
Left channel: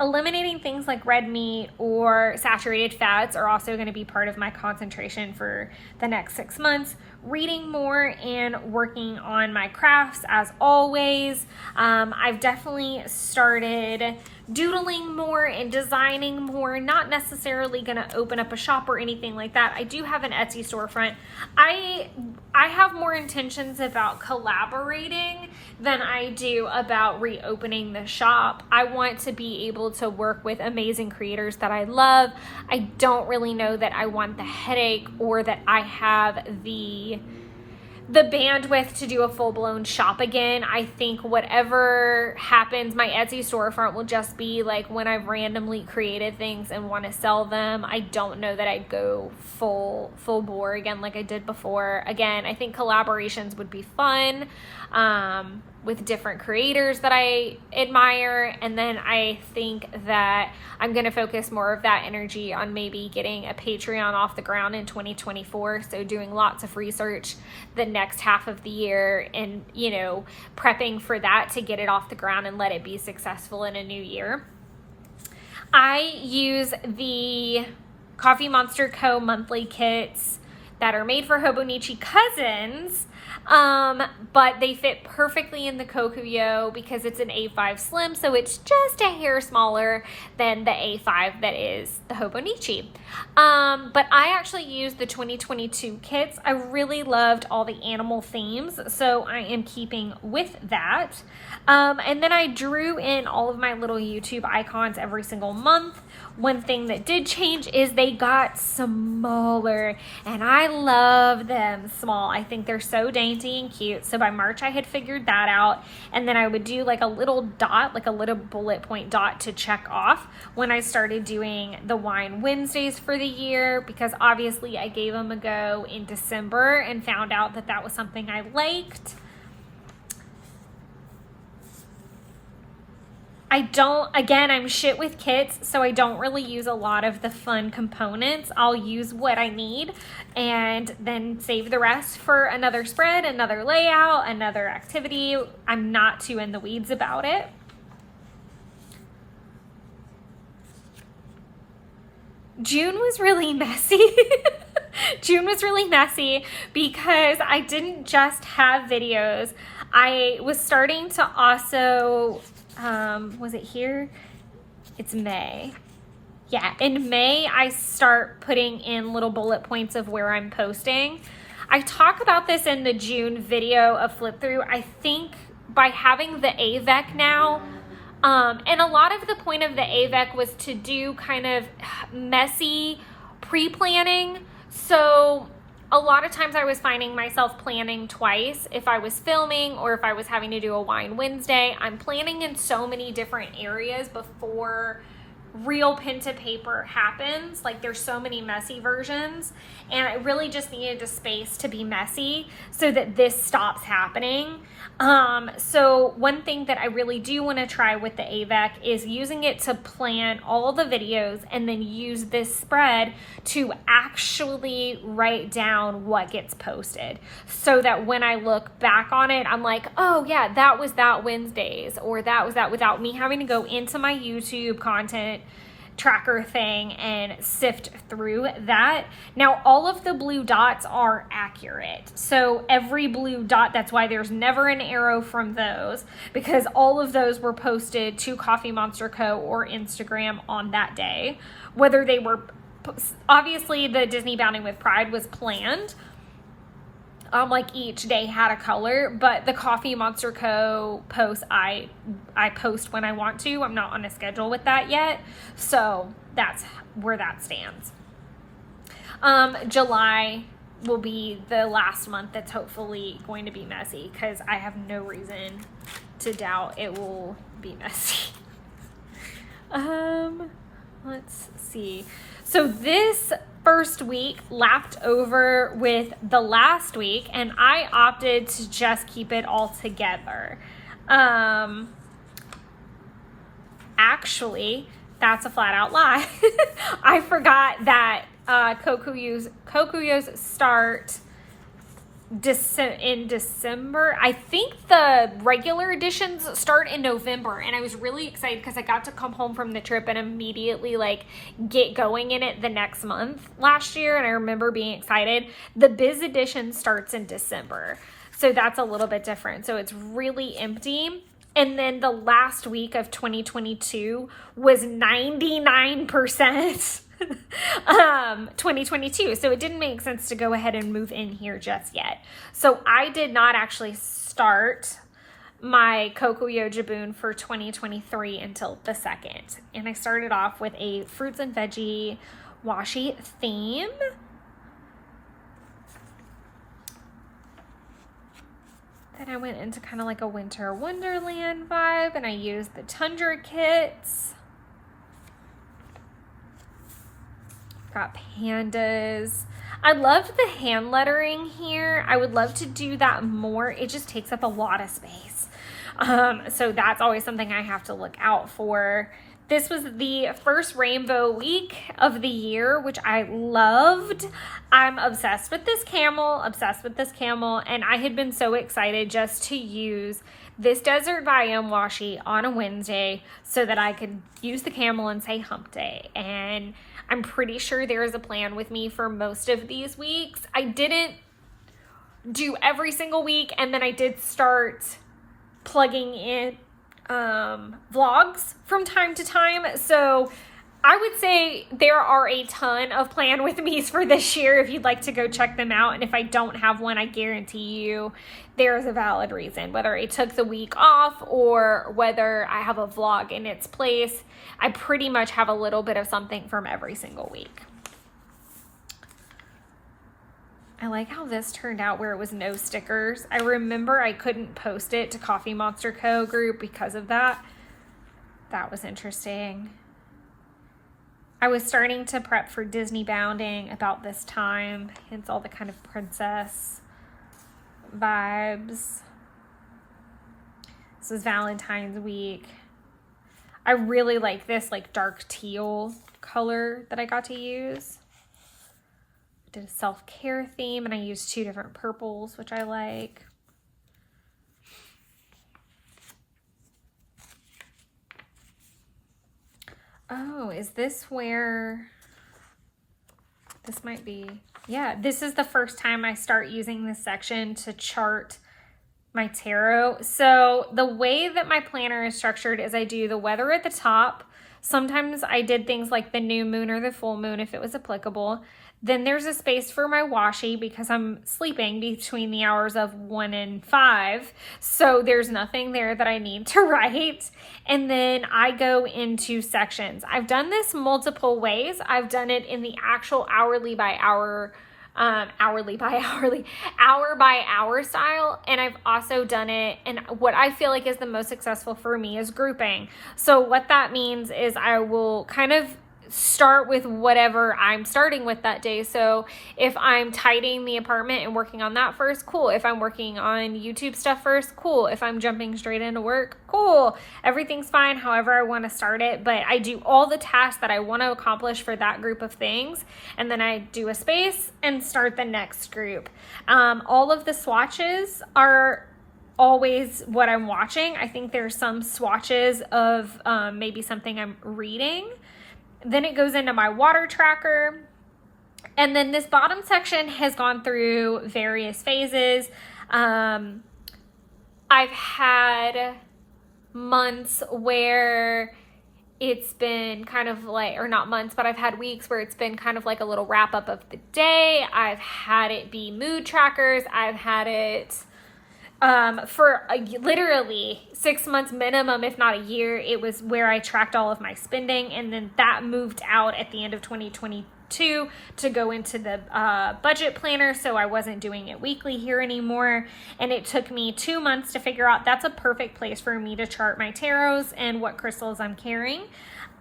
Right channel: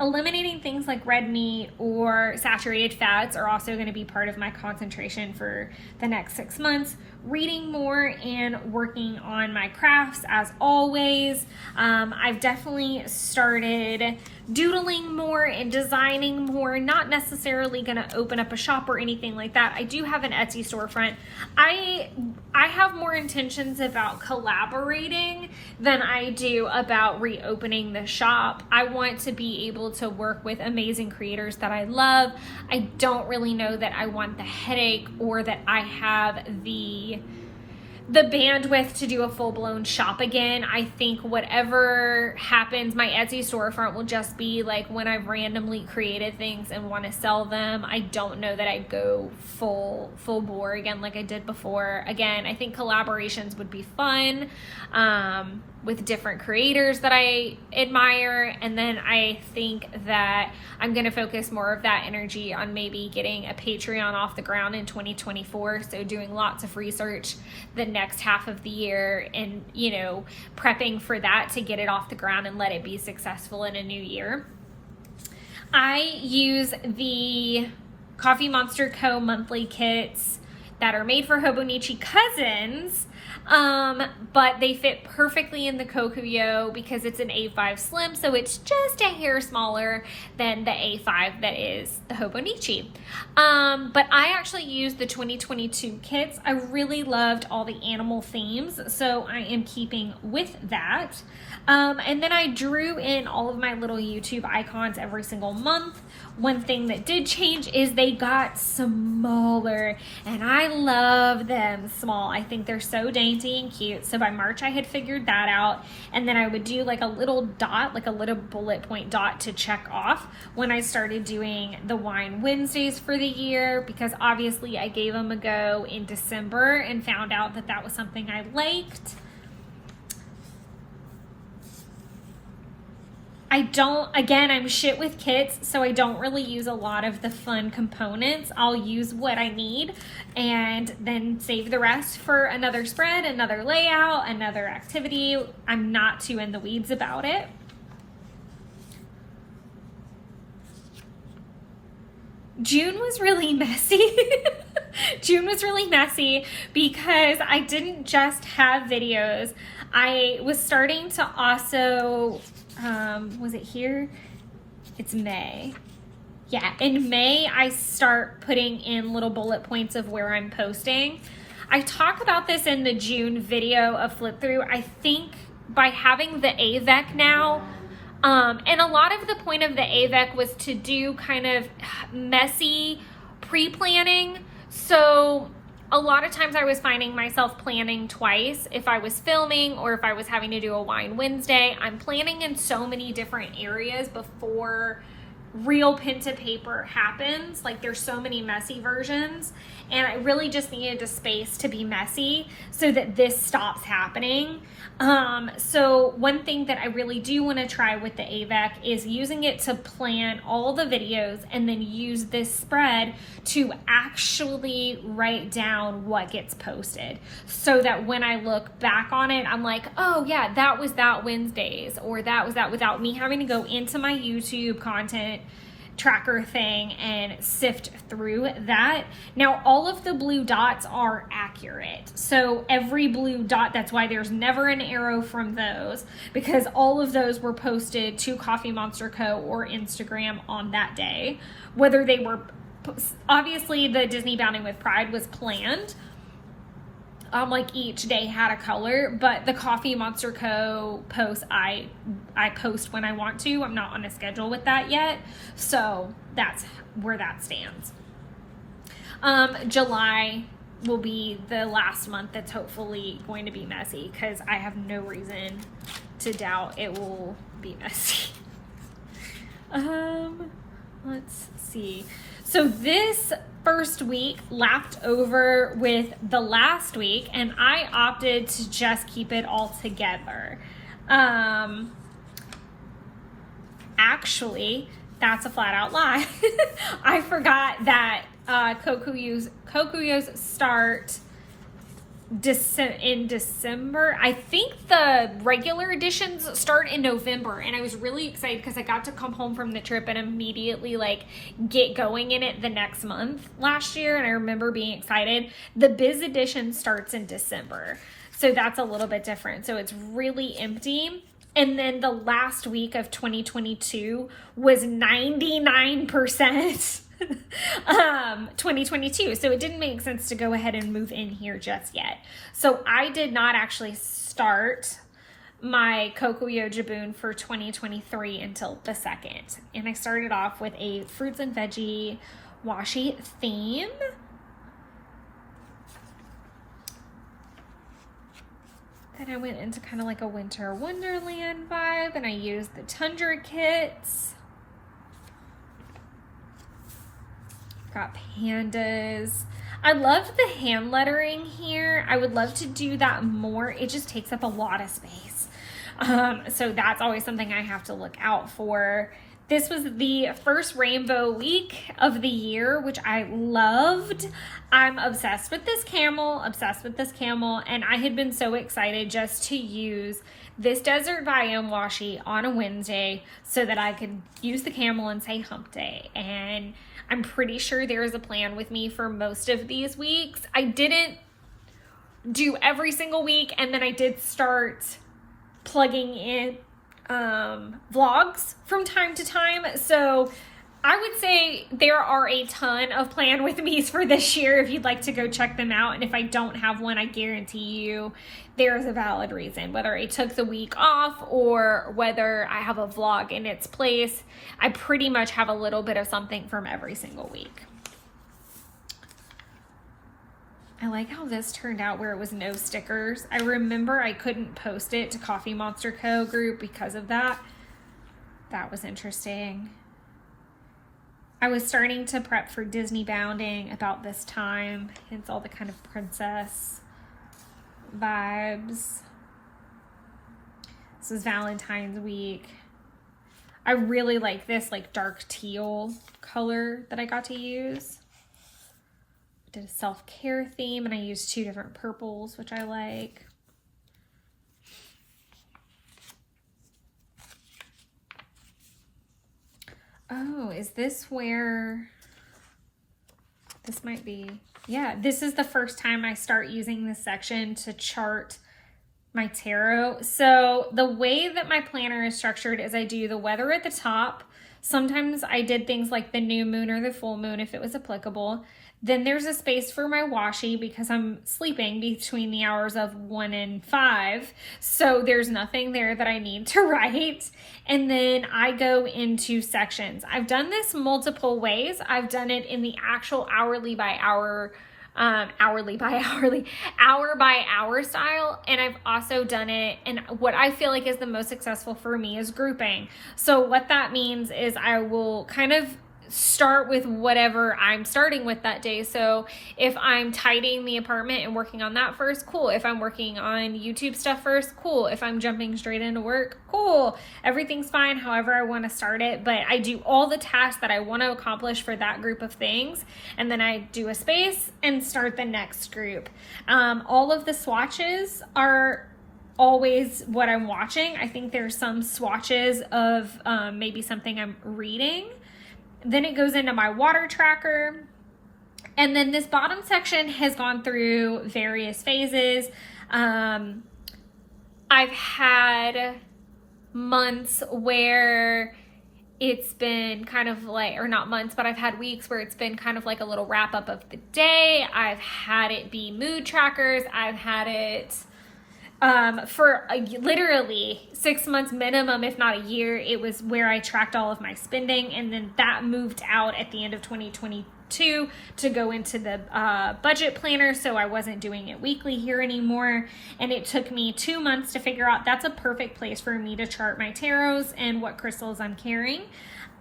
Eliminating things like red meat or saturated fats are also going to be part of my concentration for the next 6 months. Reading more and working on my crafts as always. I've definitely started doodling more and designing more, not necessarily going to open up a shop or anything like that. I do have an Etsy storefront. I have more intentions about collaborating than I do about reopening the shop. I want to be able to work with amazing creators that I love. I don't really know that I want the headache or that I have the bandwidth to do a full-blown shop again. I think whatever happens, my Etsy storefront will just be like when I've randomly created things and want to sell them. I don't know that I'd go full bore again like I did before. Again, I think collaborations would be fun with different creators that I admire, and then I think that I'm going to focus more of that energy on maybe getting a Patreon off the ground in 2024, so doing lots of research the next half of the year and, you know, prepping for that to get it off the ground and let it be successful in a new year. I use the Coffee Monster Co. monthly kits that are made for Hobonichi cousins, but they fit perfectly in the Kokuyo because it's an A5 Slim, so it's just a hair smaller than the A5 that is the Hobonichi. But I actually used the 2022 kits. I really loved all the animal themes, so I am keeping with that. And then I drew in all of my little YouTube icons every single month. One thing that did change is they got smaller, and I love them small. I think they're so dainty and cute. So by March I had figured that out, and then I would do like a little dot, like a little bullet point dot to check off when I started doing the Wine Wednesdays for the year, because obviously I gave them a go in December and found out that that was something I liked. I'm shit with kits, so I don't really use a lot of the fun components. I'll use what I need and then save the rest for another spread, another layout, another activity. I'm not too in the weeds about it. June was really messy. June was really messy because I didn't just have videos. I was starting to also... was it here? It's May. Yeah, in May, I start putting in little bullet points of where I'm posting. I talk about this in the June video of Flip Through. I think by having the AVEC now, and a lot of the point of the AVEC was to do kind of messy pre-planning. So a lot of times I was finding myself planning twice if I was filming or if I was having to do a Wine Wednesday. I'm planning in so many different areas before real pen to paper happens. Like there's so many messy versions, and I really just needed a space to be messy so that this stops happening. So one thing that I really do want to try with the AVEC is using it to plan all the videos and then use this spread to actually write down what gets posted, so that when I look back on it, I'm like, oh yeah, that was that Wednesdays, or that was that, without me having to go into my YouTube content tracker thing and sift through that. Now, all of the blue dots are accurate. So every blue dot, that's why there's never an arrow from those, because all of those were posted to Coffee Monster Co. or Instagram on that day. Whether they were, obviously the Disney Bounding with Pride was planned. Like each day had a color, but the Coffee Monster Co. posts, I post when I want to. I'm not on a schedule with that yet. So that's where that stands. July will be the last month that's hopefully going to be messy, because I have no reason to doubt it will be messy. Let's see. So this first week lapped over with the last week, and I opted to just keep it all together. actually, that's a flat out lie. I forgot that Kokuyos start in December. I think the regular editions start in November, and I was really excited because I got to come home from the trip and immediately like get going in it the next month last year, and I remember being excited. The Biz edition starts in December, so that's a little bit different. So it's really empty. And then the last week of 2022 was 99% 2022. So it didn't make sense to go ahead and move in here just yet. So I did not actually start my Kokuyo Jibun for 2023 until the 2nd. And I started off with a fruits and veggie washi theme. Then I went into kind of like a winter wonderland vibe, and I used the Tundra kits. Got pandas. I loved the hand lettering here. I would love to do that more. It just takes up a lot of space. So that's always something I have to look out for. This was the first rainbow week of the year, which I loved. I'm obsessed with this camel, and I had been so excited just to use this Desert Biome washi on a Wednesday so that I could use the camel and say hump day. And I'm pretty sure there is a plan with me for most of these weeks. I didn't do every single week, and then I did start plugging in vlogs from time to time. So I would say there are a ton of plan with me's for this year if you'd like to go check them out. And if I don't have one, I guarantee you there's a valid reason, whether I took the week off or whether I have a vlog in its place. I pretty much have a little bit of something from every single week. I like how this turned out where it was no stickers. I remember I couldn't post it to Coffee Monster Co. group because of that. That was interesting. I was starting to prep for Disney bounding about this time, hence all the kind of princess vibes. This is Valentine's week. I really like this like dark teal color that I got to use. Did a self-care theme, and I used 2 different purples, which I like. Oh, is this where this might be? Yeah, this is the first time I start using this section to chart my tarot. So the way that my planner is structured is I do the weather at the top. Sometimes I did things like the new moon or the full moon if it was applicable. Then there's a space for my washi because I'm sleeping between the hours of 1 and 5. So there's nothing there that I need to write. And then I go into sections. I've done this multiple ways. I've done it in the actual hour by hour style. And I've also done it, and what I feel like is the most successful for me is grouping. So what that means is I will kind of start with whatever I'm starting with that day. So if I'm tidying the apartment and working on that first, cool. If I'm working on YouTube stuff first, cool. If I'm jumping straight into work, cool. Everything's fine however I want to start it, but I do all the tasks that I want to accomplish for that group of things, and then I do a space and start the next group. All of the swatches are always what I'm watching. I think there's some swatches of maybe something I'm reading. Then it goes into my water tracker. And then this bottom section has gone through various phases. I've had months where it's been kind of like, or not months, but I've had weeks where it's been kind of like a little wrap up of the day. I've had it be mood trackers. I've had it for literally 6 months minimum, if not a year. It was where I tracked all of my spending, and then that moved out at the end of 2022 to go into the budget planner, so I wasn't doing it weekly here anymore, and it took me 2 months to figure out that's a perfect place for me to chart my tarots and what crystals I'm carrying.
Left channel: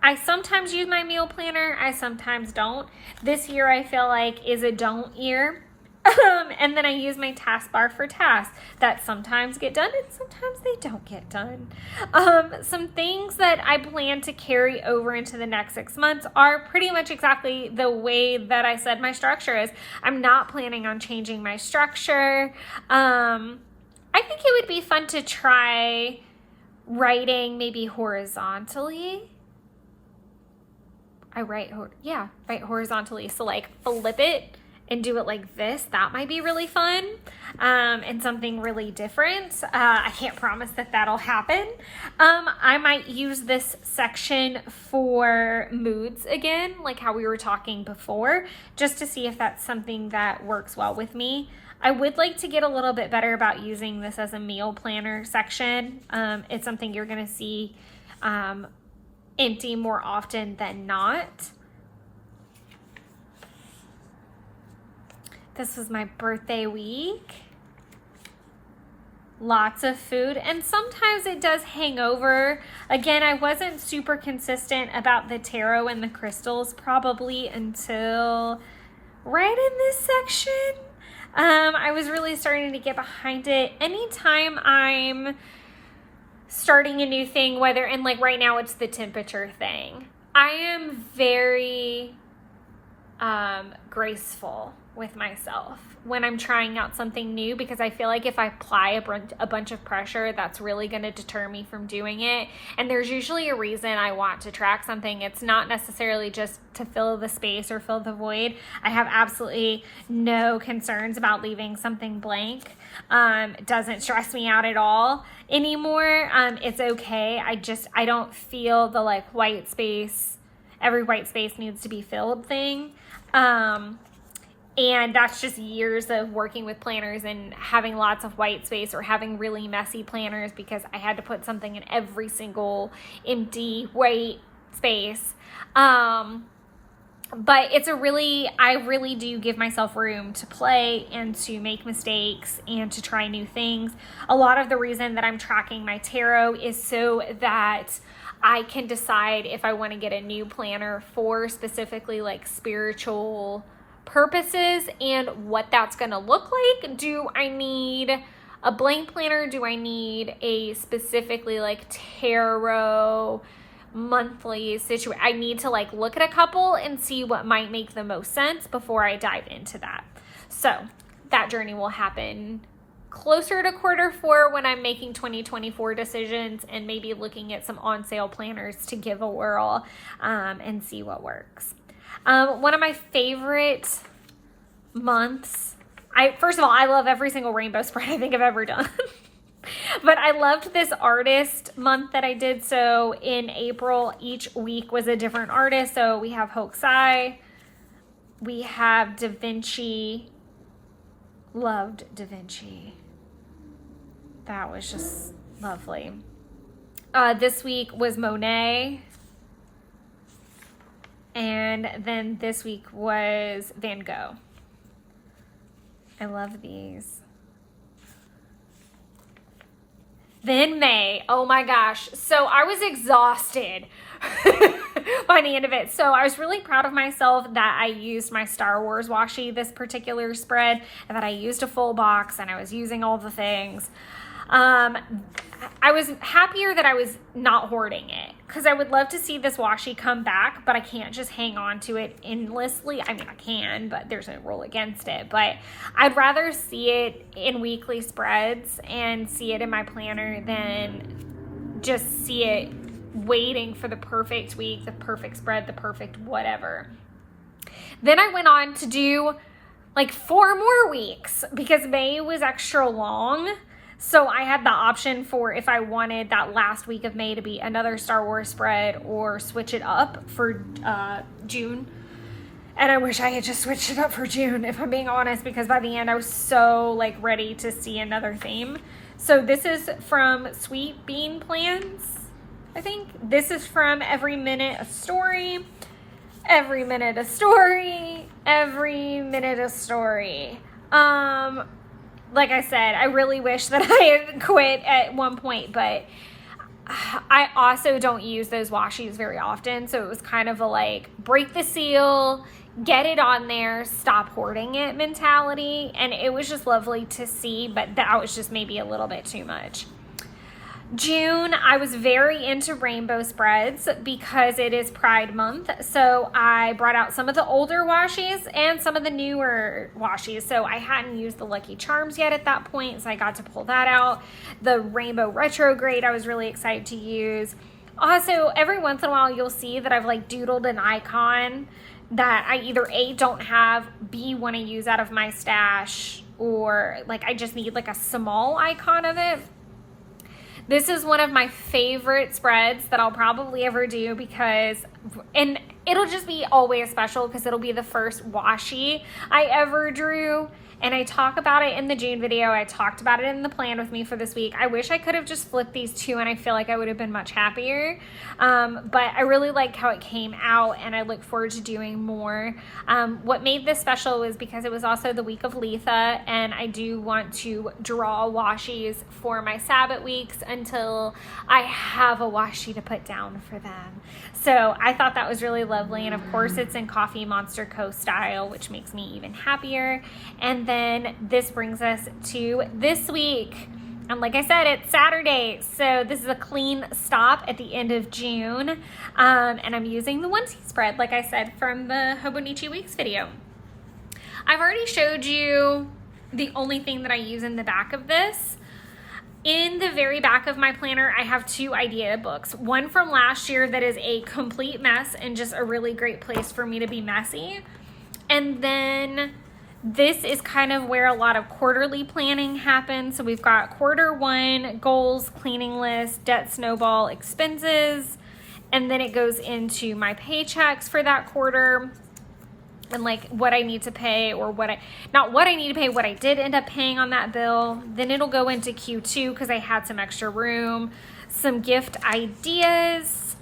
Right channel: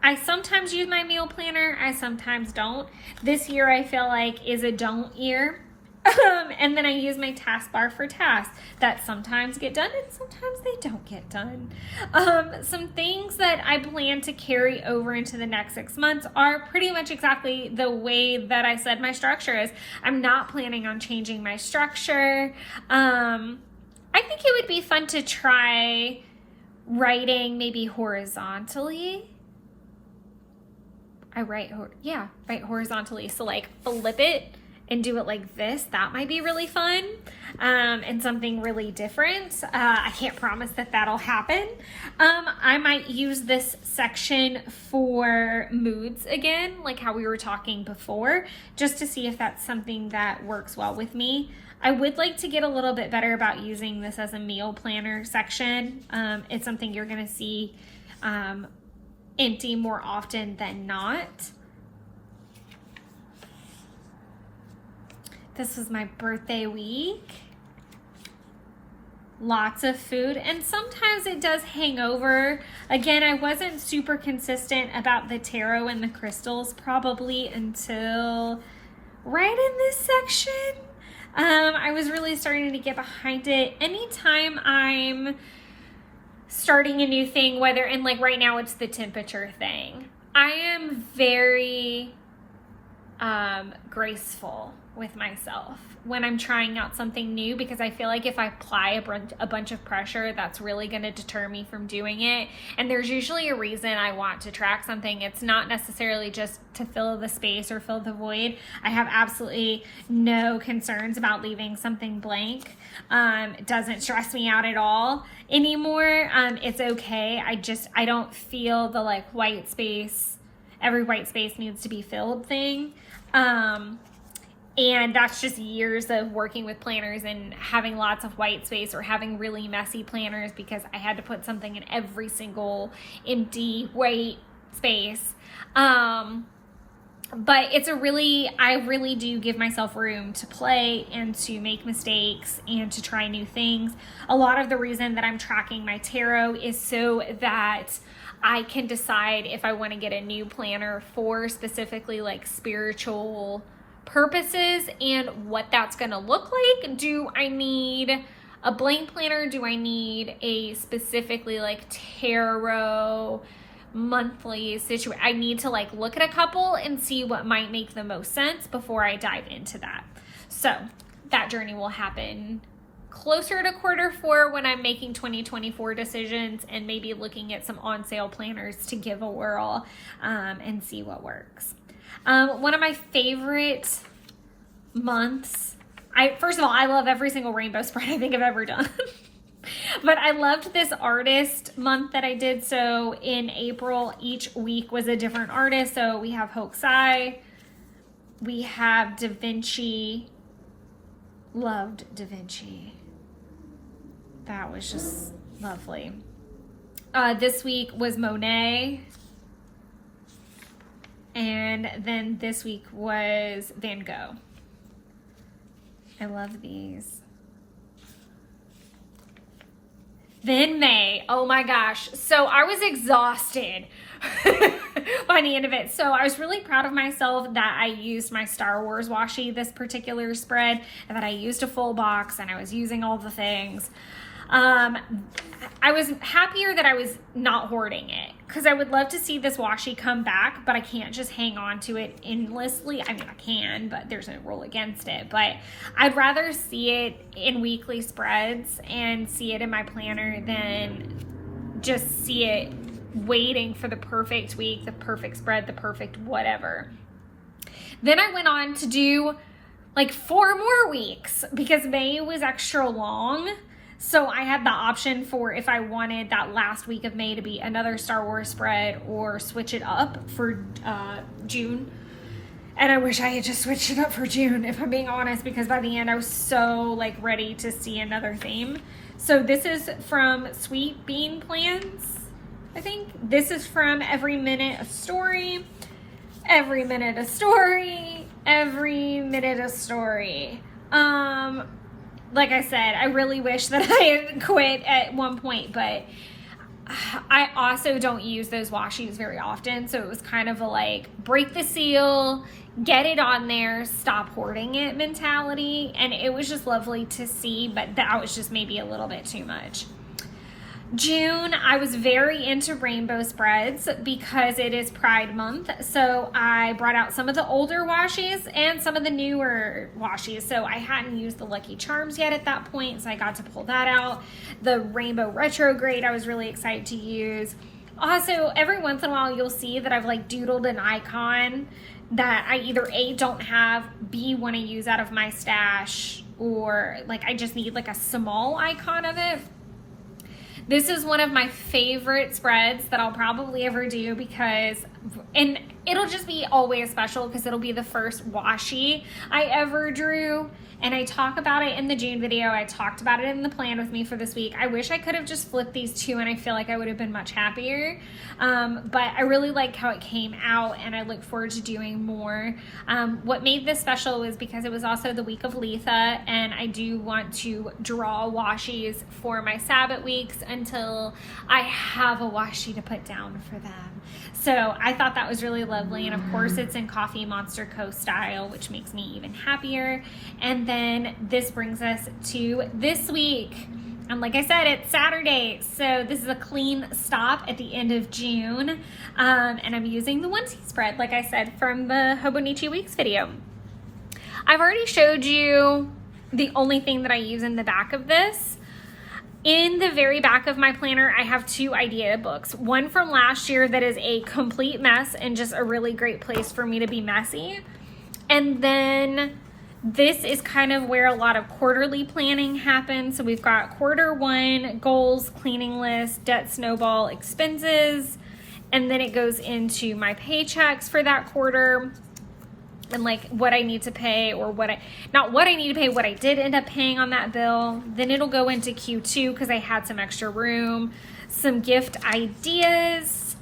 I sometimes use my meal planner, I sometimes don't. This year I feel like is a don't year. And then I use my taskbar for tasks that sometimes get done and sometimes they don't get done. Some things that I plan to carry over into the next 6 months are pretty much exactly the way that I said my structure is. I'm not planning on changing my structure. I think it would be fun to try writing maybe horizontally. I write horizontally. So like flip it and do it like this. That might be really fun, and something really different. I can't promise that that'll happen. I might use this section for moods again, like how we were talking before, just to see if that's something that works well with me. I would like to get a little bit better about using this as a meal planner section. It's something you're gonna see empty more often than not. This was my birthday week. Lots of food, and sometimes it does hang over. Again, I wasn't super consistent about the tarot and the crystals probably until right in this section. I was really starting to get behind it. Anytime I'm starting a new thing, and like right now it's the temperature thing, I am very graceful with myself when I'm trying out something new, because I feel like if I apply a bunch of pressure, that's really going to deter me from doing it. And there's usually a reason I want to track something. It's not necessarily just to fill the space or fill the void. I have absolutely no concerns about leaving something blank. It doesn't stress me out at all anymore. It's okay. I don't feel the like white space, every white space needs to be filled thing. And that's just years of working with planners and having lots of white space or having really messy planners because I had to put something in every single empty white space. But I really do give myself room to play and to make mistakes and to try new things. A lot of the reason that I'm tracking my tarot is so that I can decide if I want to get a new planner for specifically like spiritual purposes and what that's going to look like. Do I need a blank planner? Do I need a specifically like tarot monthly situation? I need to like look at a couple and see what might make the most sense before I dive into that. So that journey will happen closer to Q4 when I'm making 2024 decisions and maybe looking at some on sale planners to give a whirl and see what works. One of my favorite months, first of all, I love every single rainbow spread I think I've ever done. But I loved this artist month that I did. So in April, each week was a different artist. So we have Hokusai, we have Da Vinci. Loved Da Vinci. That was just lovely. This week was Monet. And then this week was Van Gogh. I love these. Then May. Oh my gosh. So I was exhausted by the end of it. So I was really proud of myself that I used my Star Wars washi this particular spread, and that I used a full box and I was using all the things. I was happier that I was not hoarding it, because I would love to see this washi come back, but I can't just hang on to it endlessly. I mean, I can, but there's no rule against it. But I'd rather see it in weekly spreads and see it in my planner than just see it waiting for the perfect week, the perfect spread, the perfect whatever. Then I went on to do like 4 more weeks because May was extra long. So I had the option for if I wanted that last week of May to be another Star Wars spread or switch it up for June. And I wish I had just switched it up for June, if I'm being honest, because by the end I was so like ready to see another theme. So this is from Sweet Bean Plans, I think. This is from Every Minute a Story. Every Minute a Story. Every Minute a Story. Like I said, I really wish that I had quit at one point, but I also don't use those washies very often, so it was kind of a like break the seal, get it on there, stop hoarding it mentality, and it was just lovely to see, but that was just maybe a little bit too much. June, I was very into rainbow spreads because it is Pride Month. So I brought out some of the older washies and some of the newer washies. So I hadn't used the Lucky Charms yet at that point, so I got to pull that out. The Rainbow Retrograde I was really excited to use. Also, every once in a while you'll see that I've like doodled an icon that I either A, don't have, B, want to use out of my stash, or like I just need like a small icon of it. This is one of my favorite spreads that I'll probably ever do because, and it'll just be always special because it'll be the first washi I ever drew. And I talk about it in the June video. I talked about it in the plan with me for this week. I wish I could have just flipped these two and I feel like I would have been much happier. But I really like how it came out and I look forward to doing more. What made this special was because it was also the week of Letha and I do want to draw washies for my Sabbath weeks until I have a washi to put down for them. So I thought that was really lovely. And of course it's in Coffee Monster Co. style, which makes me even happier. And then this brings us to this week. And like I said, it's Saturday. So this is a clean stop at the end of June. And I'm using the onesie spread, like I said, from the Hobonichi Weeks video. I've already showed you the only thing that I use in the back of this. In the very back of my planner, I have two idea books. One from last year that is a complete mess and just a really great place for me to be messy. And then this is kind of where a lot of quarterly planning happens. So we've got Q1, goals, cleaning list, debt snowball, expenses. And then it goes into my paychecks for that quarter and like what I need to pay or not what I need to pay, what I did end up paying on that bill. Then it'll go into Q2 because I had some extra room, some gift ideas,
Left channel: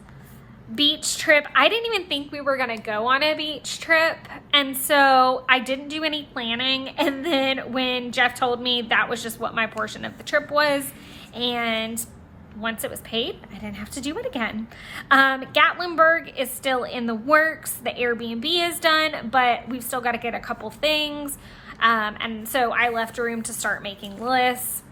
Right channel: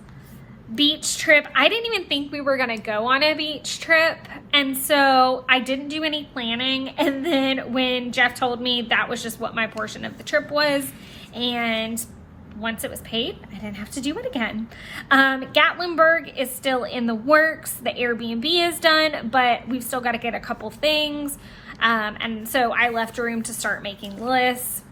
beach trip. I didn't even think we were gonna go on a beach trip. And so I didn't do any planning. And then when Jeff told me that was just what my portion of the trip was, and once it was paid, I didn't have to do it again. Gatlinburg is still in the works. The Airbnb is done, but we've still got to get a couple things. And so I left room to start making lists.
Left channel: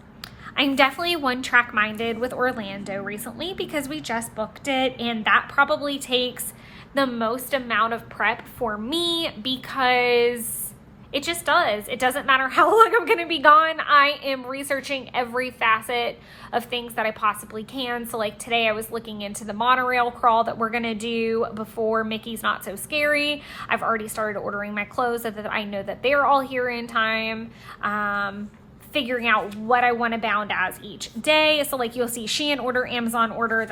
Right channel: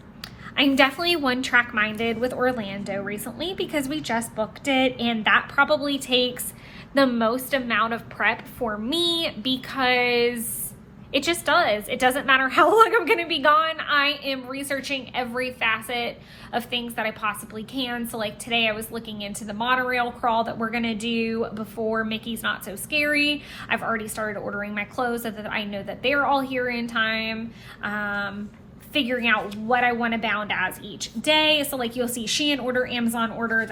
I'm definitely one track minded with Orlando recently because we just booked it, and that probably takes the most amount of prep for me because it just does. It doesn't matter how long I'm going to be gone. I am researching every facet of things that I possibly can. So like today I was looking into the monorail crawl that we're going to do before Mickey's Not So Scary. I've already started ordering my clothes so that I know that they're all here in time. Figuring out what I want to bound as each day. So like you'll see Shein order, Amazon order.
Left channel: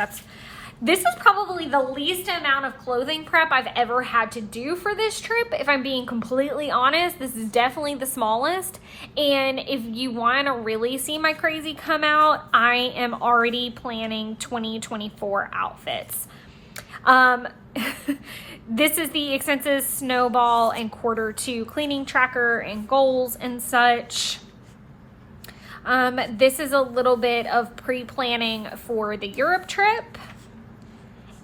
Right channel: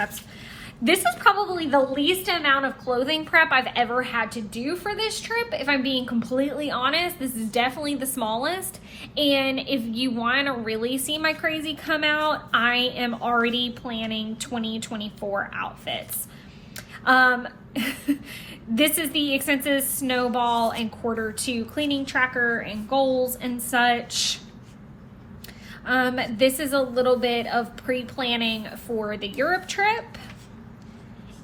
This is probably the least amount of clothing prep I've ever had to do for this trip. If I'm being completely honest, this is definitely the smallest. And if you want to really see my crazy come out, I am already planning 2024 outfits. This is the expenses, snowball, and Q2 cleaning tracker and goals and such. This is a little bit of pre-planning for the Europe trip.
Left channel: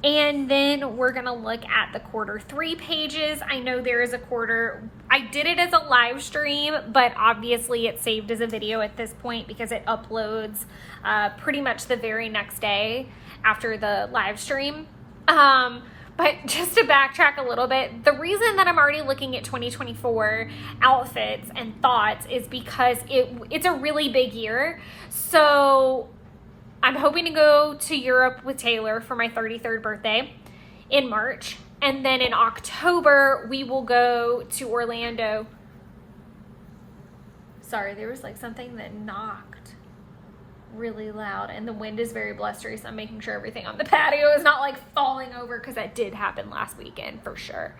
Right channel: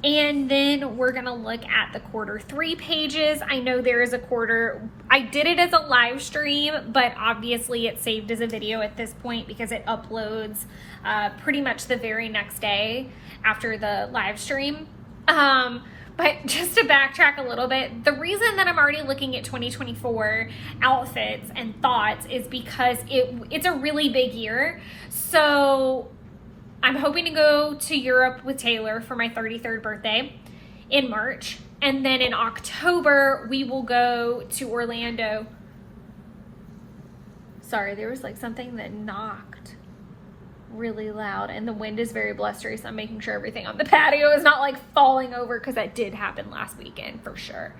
And then we're gonna look at the Q3 pages. I know there is a quarter. I did it as a live stream, but obviously it's saved as a video at this point because it uploads pretty much the very next day after the live stream. But just to backtrack a little bit, the reason that I'm already looking at 2024 outfits and thoughts is because it's a really big year. So I'm hoping to go to Europe with Taylor for my 33rd birthday in March. And then in October, we will go to Orlando. Sorry, there was like something that knocked really loud and the wind is very blustery. So I'm making sure everything on the patio is not like falling over because that did happen last weekend for sure.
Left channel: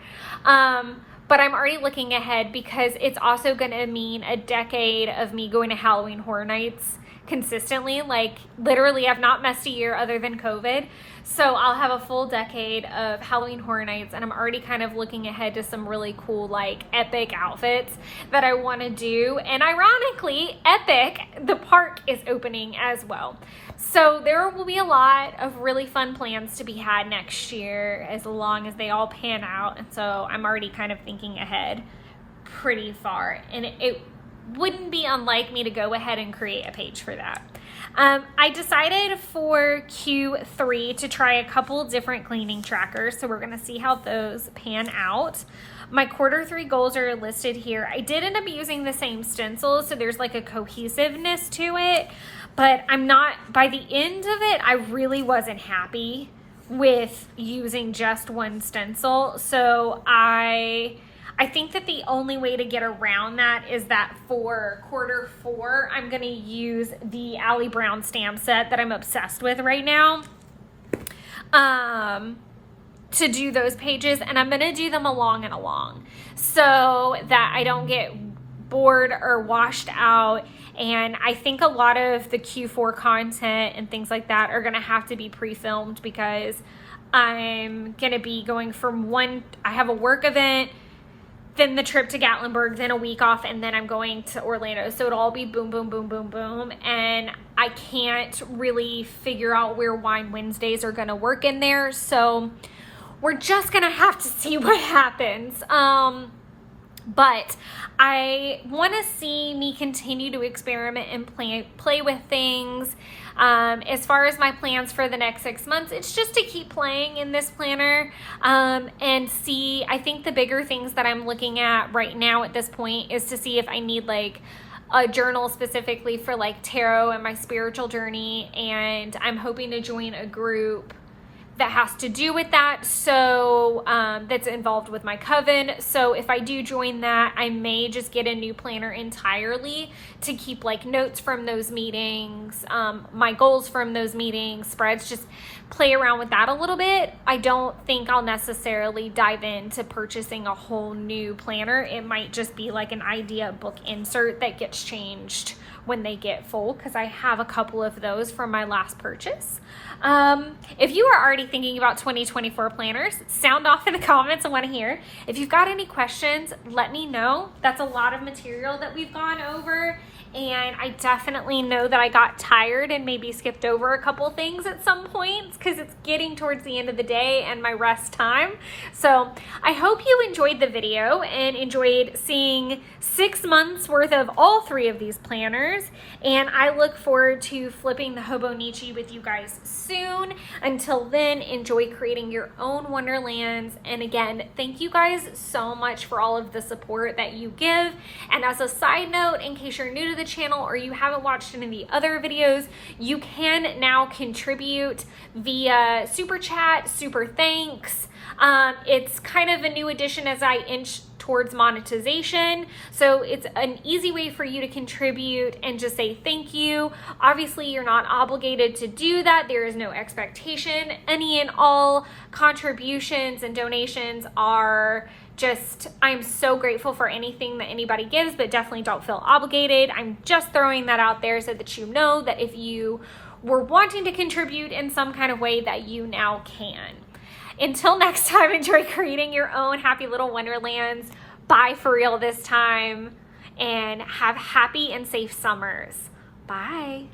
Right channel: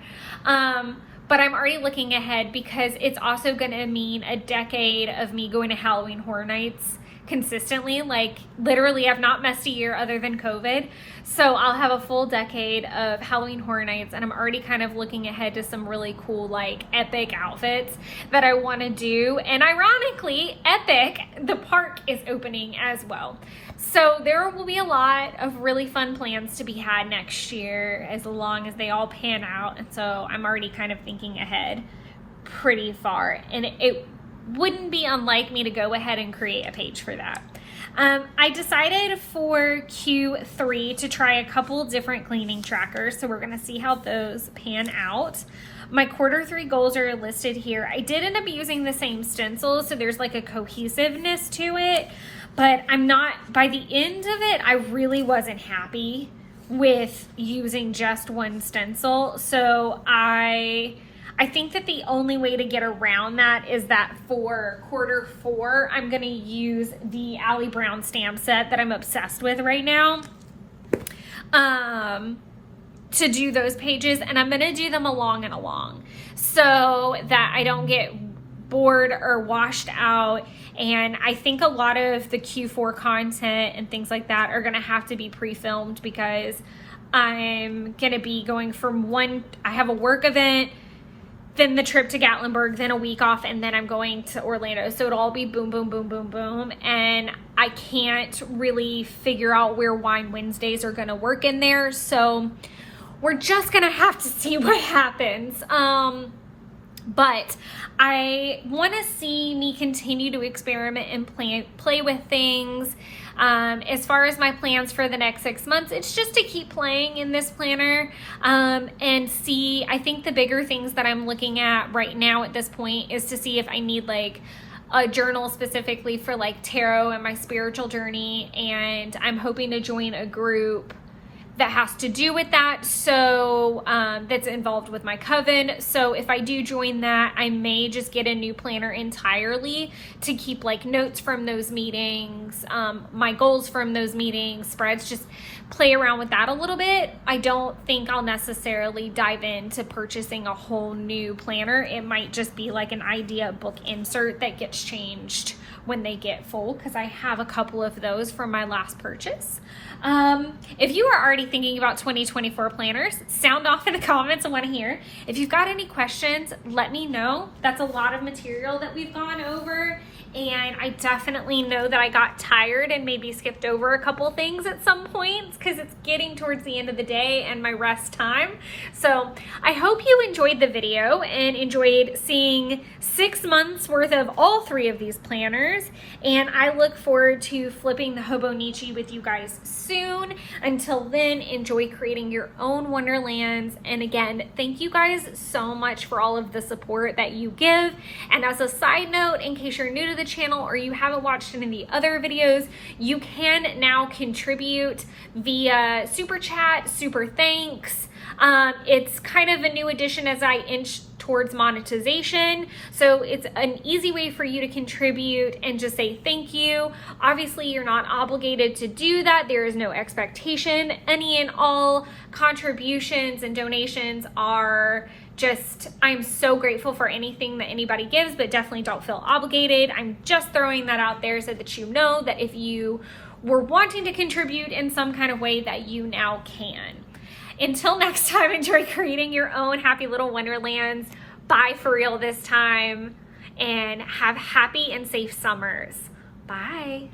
But I'm already looking ahead because it's also going to mean a decade of me going to Halloween Horror Nights consistently. Like literally I've not missed a year other than COVID. So I'll have a full decade of Halloween Horror Nights, and I'm already kind of looking ahead to some really cool, like, epic outfits that I want to do. And ironically, Epic, the park, is opening as well. So there will be a lot of really fun plans to be had next year as long as they all pan out. And so I'm already kind of thinking ahead pretty far. And it wouldn't be unlike me to go ahead and create a page for that. I decided for Q3 to try a couple different cleaning trackers. So we're going to see how those pan out. My Q3 goals are listed here. I did end up using the same stencil, so there's like a cohesiveness to it. But I'm not, by the end of it, I really wasn't happy with using just one stencil. So I think that the only way to get around that is that for Q4, I'm gonna use the Ali Brown stamp set that I'm obsessed with right now to do those pages. And I'm gonna do them along and along so that I don't get bored or washed out. And I think a lot of the Q4 content and things like that are going to have to be pre-filmed because I'm going to be going from I have a work event, then the trip to Gatlinburg, then a week off, and then I'm going to Orlando. So it'll all be boom, boom, boom, boom, boom. And I can't really figure out where Wine Wednesdays are going to work in there. So we're just going to have to see what happens. But I want to see me continue to experiment and play with things. As far as my plans for the next 6 months, it's just to keep playing in this planner and see. I think the bigger things that I'm looking at right now at this point is to see if I need like a journal specifically for like tarot and my spiritual journey. And I'm hoping to join a group that has to do with that, so that's involved with my coven. So if I do join that, I may just get a new planner entirely to keep like notes from those meetings, my goals from those meetings, spreads, just play around with that a little bit. I don't think I'll necessarily dive into purchasing a whole new planner. It might just be like an idea book insert that gets changed when they get full, because I have a couple of those from my last purchase. If you are already thinking about 2024 planners, sound off in the comments. I want to hear. If you've got any questions, let me know. That's a lot of material that we've gone over, and I definitely know that I got tired and maybe skipped over a couple things at some points because it's getting towards the end of the day and my rest time. So I hope you enjoyed the video and enjoyed seeing 6 months worth of all 3 of these planners. And I look forward to flipping the Hobonichi with you guys soon. Until then, enjoy creating your own Wonderlands. And again, thank you guys so much for all of the support that you give. And as a side note, in case you're new to the channel or you haven't watched any of the other videos, you can now contribute via Super Chat, Super Thanks. It's kind of a new addition as I inch towards monetization. So it's an easy way for you to contribute and just say thank you. Obviously, you're not obligated to do that. There is no expectation. Any and all contributions and donations are just, I'm so grateful for anything that anybody gives, but definitely don't feel obligated. I'm just throwing that out there so that you know that if you were wanting to contribute in some kind of way, that you now can. Until next time, enjoy creating your own happy little Wonderlands. Bye for real this time, and have happy and safe summers. Bye.